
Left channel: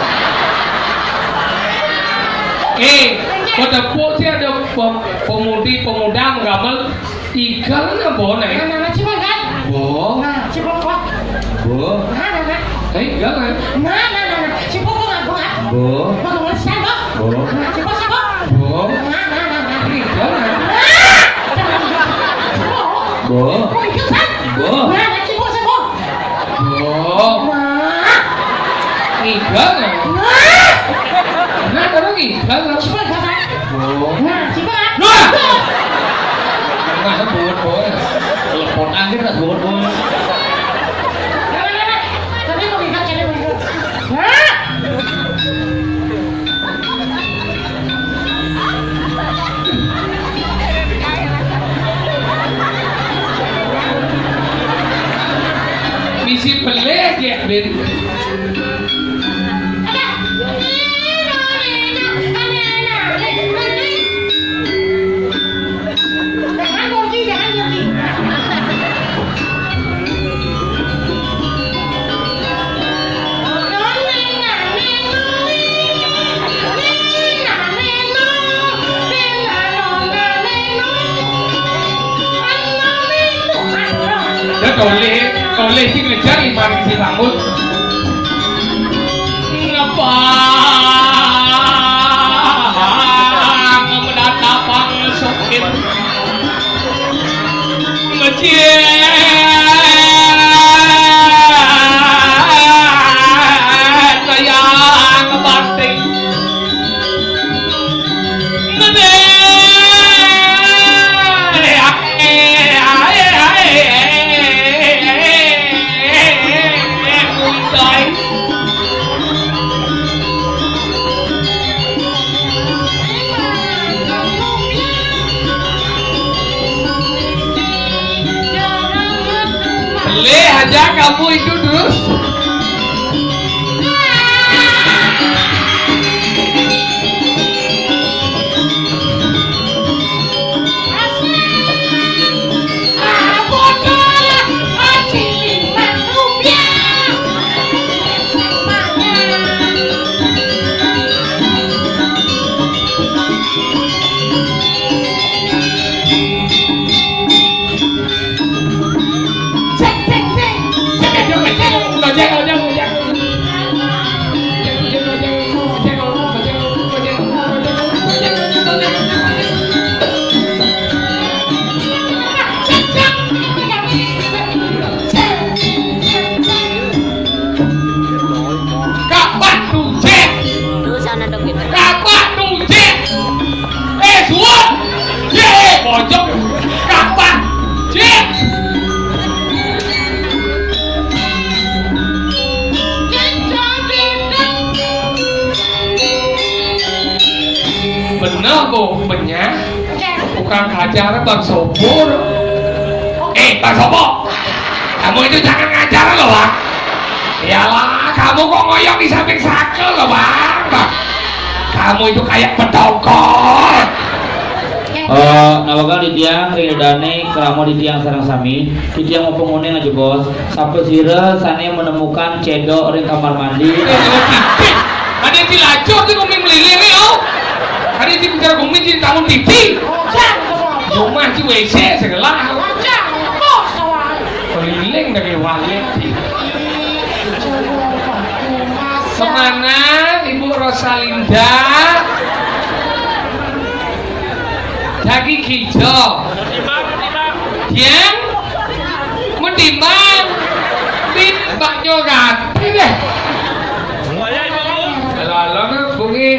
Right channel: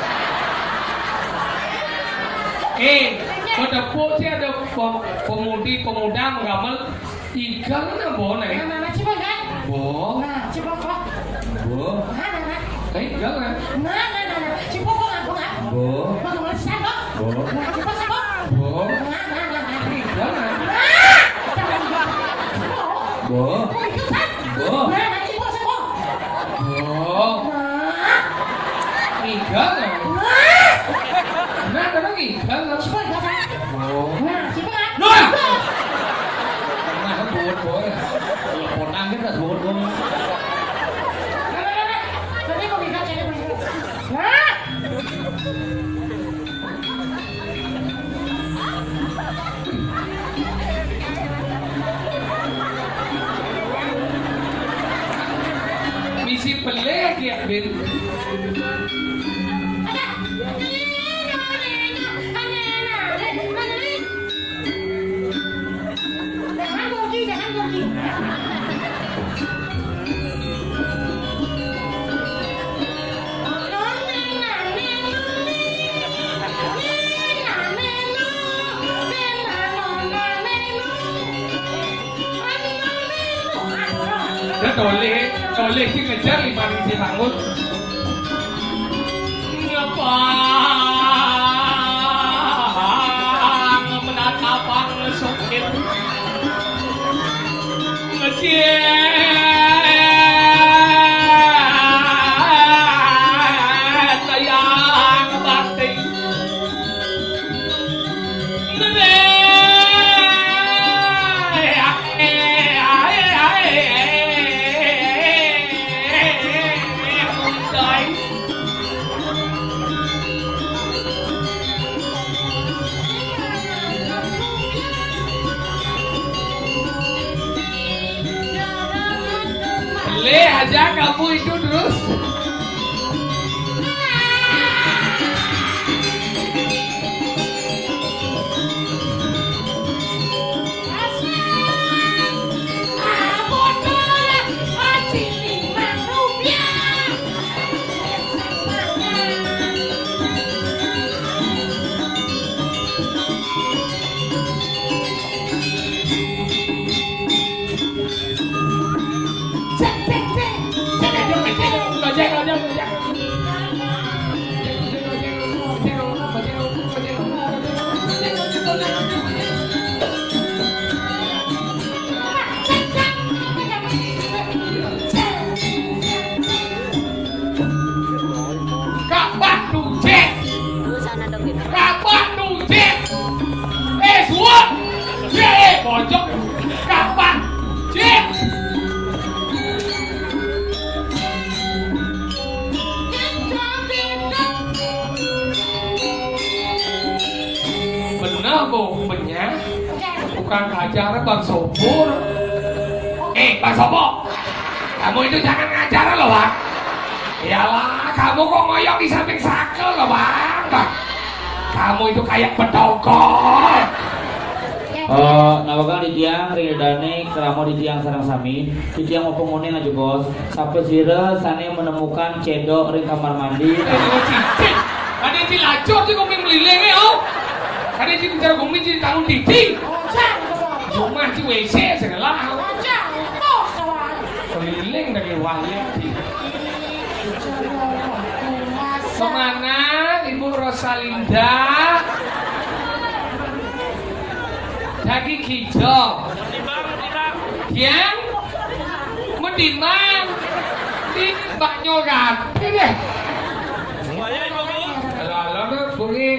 Pada sih ada pemuda menggambar ikan apa boleh? Nah, coba kan? Bo, Nah, coba kok. Bo, Nah. jangan. Nah. Coba kok nggak buat. bo, Bangun saya, bo. Nah, coba saya, Bo, Nah. jangan. Bo, Mau ikut kan? Bo. Nah, coba saya, Bo, Nah. ikan. Nah. Nah, orang ikan. Coba saya. Bo, Nah, coba. Nah. Nah, sebut boy. telepon angin tak bo. Tapi mau ikut jadi mau ikut. Nah. Misi pelik ya, Ben. Kau leh sih ngejar iman si bangun. Ngapa? Mendatapang sakit. Ngejiat sayang batik. Boleh aja kamu itu terus. kapan tuh cek Lu sana dong gitu. kapan tuh cek suat ye pojok kapan cek bener bu benyah bukan acara bang Sobor bang Sobor kamu itu jangan ngajar loh bang iyalah kamu kok ngoyok di samping sakel loh bang kamu itu kayak pedokor nawakan di tiang ringadane keramo di tiang sarang sami di tiang mau penguneng aja bos sampai sira sana menemukan cedok ring kamar mandi ada yang dilacur tuh kami melilih ya ada yang bicara kami jadi tamu TV rumah di WC segala melilih dari wali kemana Ibu Rosalinda daging hijau yang menimbang timbaknya ganti deh lalu bungi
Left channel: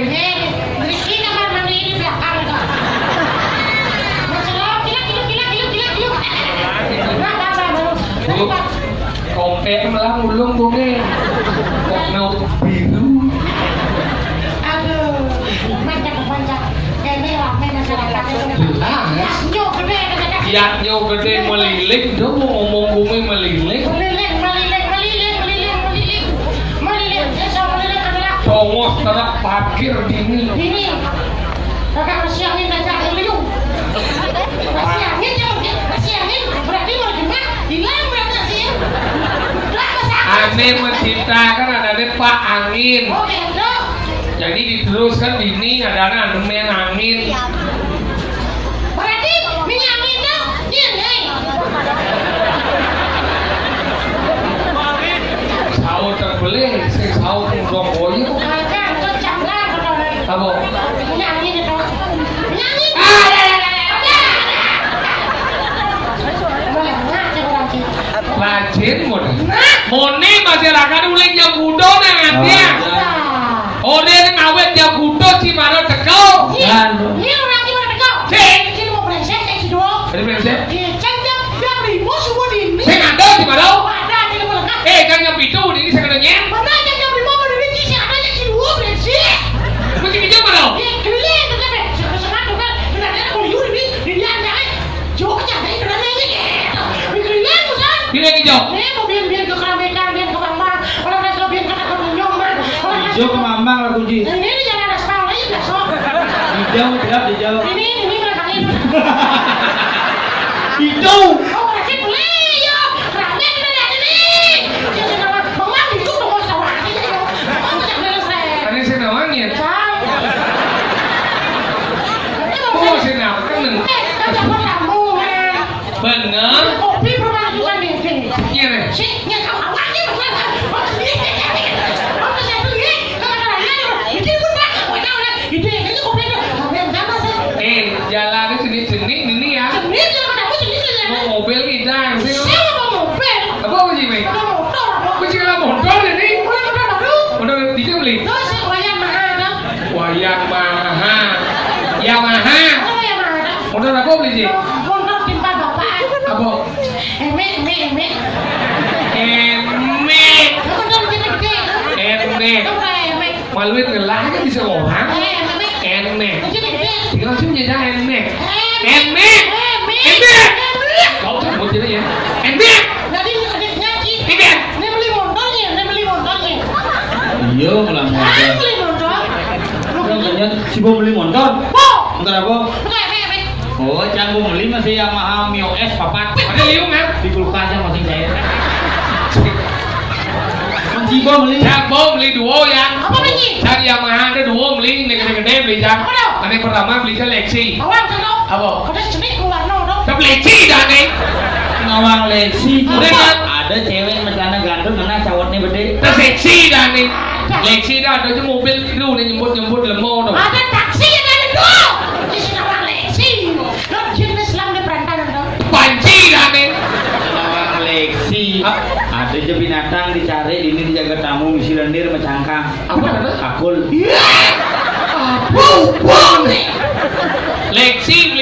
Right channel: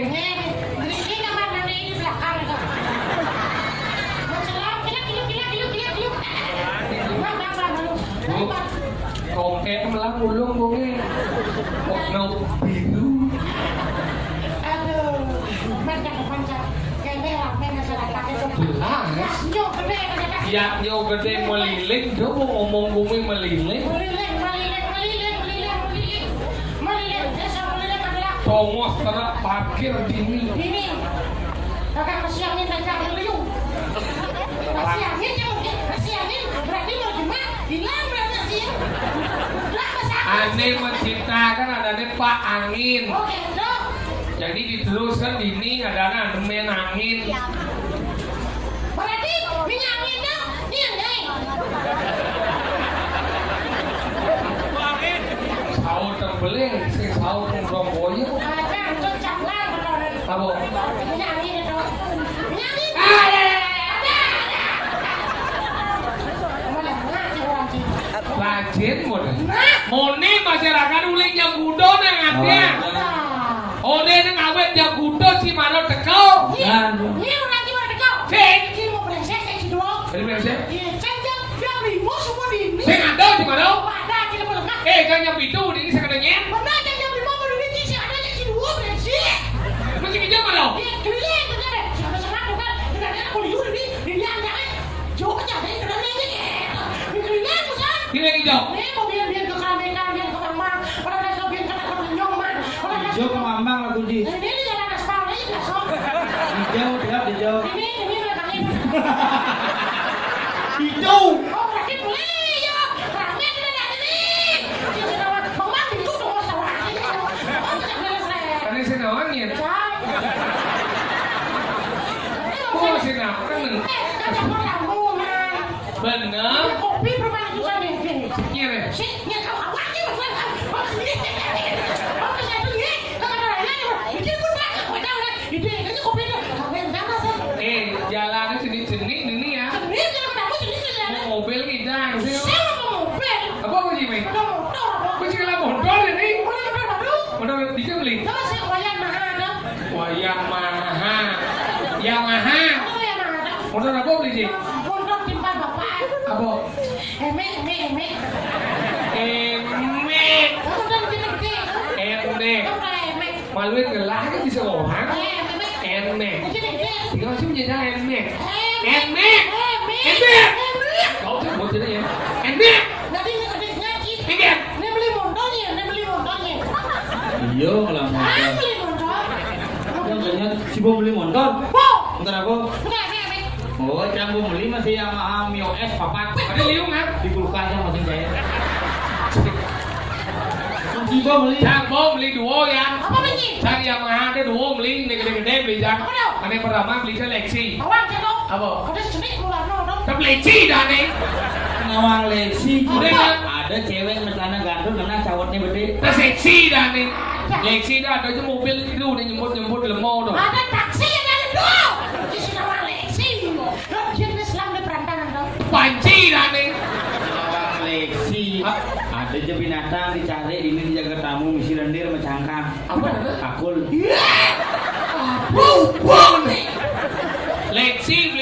kompek malah mulung bungi kok biru yaknya gede melilik dong ngomong bumi melilik congos terap parkir dini kakak kesiangin aja liung kesiangin berarti mau gimana hilang berarti sih aneh menciptakan ada Pak Angin oke dong jadi diteruskan dini ada main angin berarti minyak angin dong iya nih sahur terbeli saya sahur ngurong boyo akan itu canggang apa? minyak angin itu minyak angin rajin moni masyarakat uling yang budo nangatnya dia yang awet yang budo si mana teko iya orang gimana teko sini mau brengsek saya si doang ini brengsek iya canggang yang limo semua di ini saya ngado si mana ada di lengkap kan yang itu ini saya kadangnya mana canggang limo mau di ini si ada yang si dua brengsek masih kejam mana iya keliling tuh kan sama-sama tuh kan benar-benar kalau yuri di dia jangan jauh aja dari kenanya ini keliling musan pilih hijau biar ke keramaian biar ke mamang orang mereka biar ke nyoman hijau ke mamang lah kunci ini jangan ada sekolah lagi besok hijau tidak hijau ini mereka ini hijau oh lagi boleh ya keramaian tidak ada ini mamang itu udah mau sawah aja oh jangan beres tadi saya nawangin oh saya nawangin dapat tambungan bener kopi permajuan nih iya nih sih nggak tahu awalnya bener oh saya beli kalau itu pun tak ide ini kopi itu sampai berapa sih jalannya seni ini ya ini kalau kamu ini mau mobil ngidang sih saya mau mobil apa sih Mei mau motor aku sih kalau motor ini udah baru udah bisa beli terus wayang mahal dong wayang mahal Yamaha oh yang mahal motor apa beli sih motor timpan bapak apa emek motor gede emek maluin ngelah kan bisa orang emek tinggal sih menjadi emek kau tuh mau jadi ya emek jadi nyanyi emek dia beli motornya iya malah motor beli motor katanya si Bo beli motor motor apa betul emek oh jangan Bo beli masih Yamaha Mio S papat ada liung kan di kulkasnya masih cair kunci Bo beli Cak Bo beli duo ya apa lagi Cak Yamaha ada duo beli ini gede-gede beli Cak Apa dong? Yang pertama beli Lexi awal kan dong apa? kada seni keluar dong Tapi Lexi dah nih ngawang Lexi Udah, kan? ada cewek macana ganteng mana cawatnya gede Terus Lexi dah nih Lexi dah ada aja mobil itu nih nyebut lemot dong ada taksi yang ada dong di sini awal lesi lo jenis Islam di perantaran dong Panci dah nih ngawang Lexi Ada je binatang dicari, ini dijaga tamu, misi lendir mencangkang. Apa ada? Akul. Apa? Leksi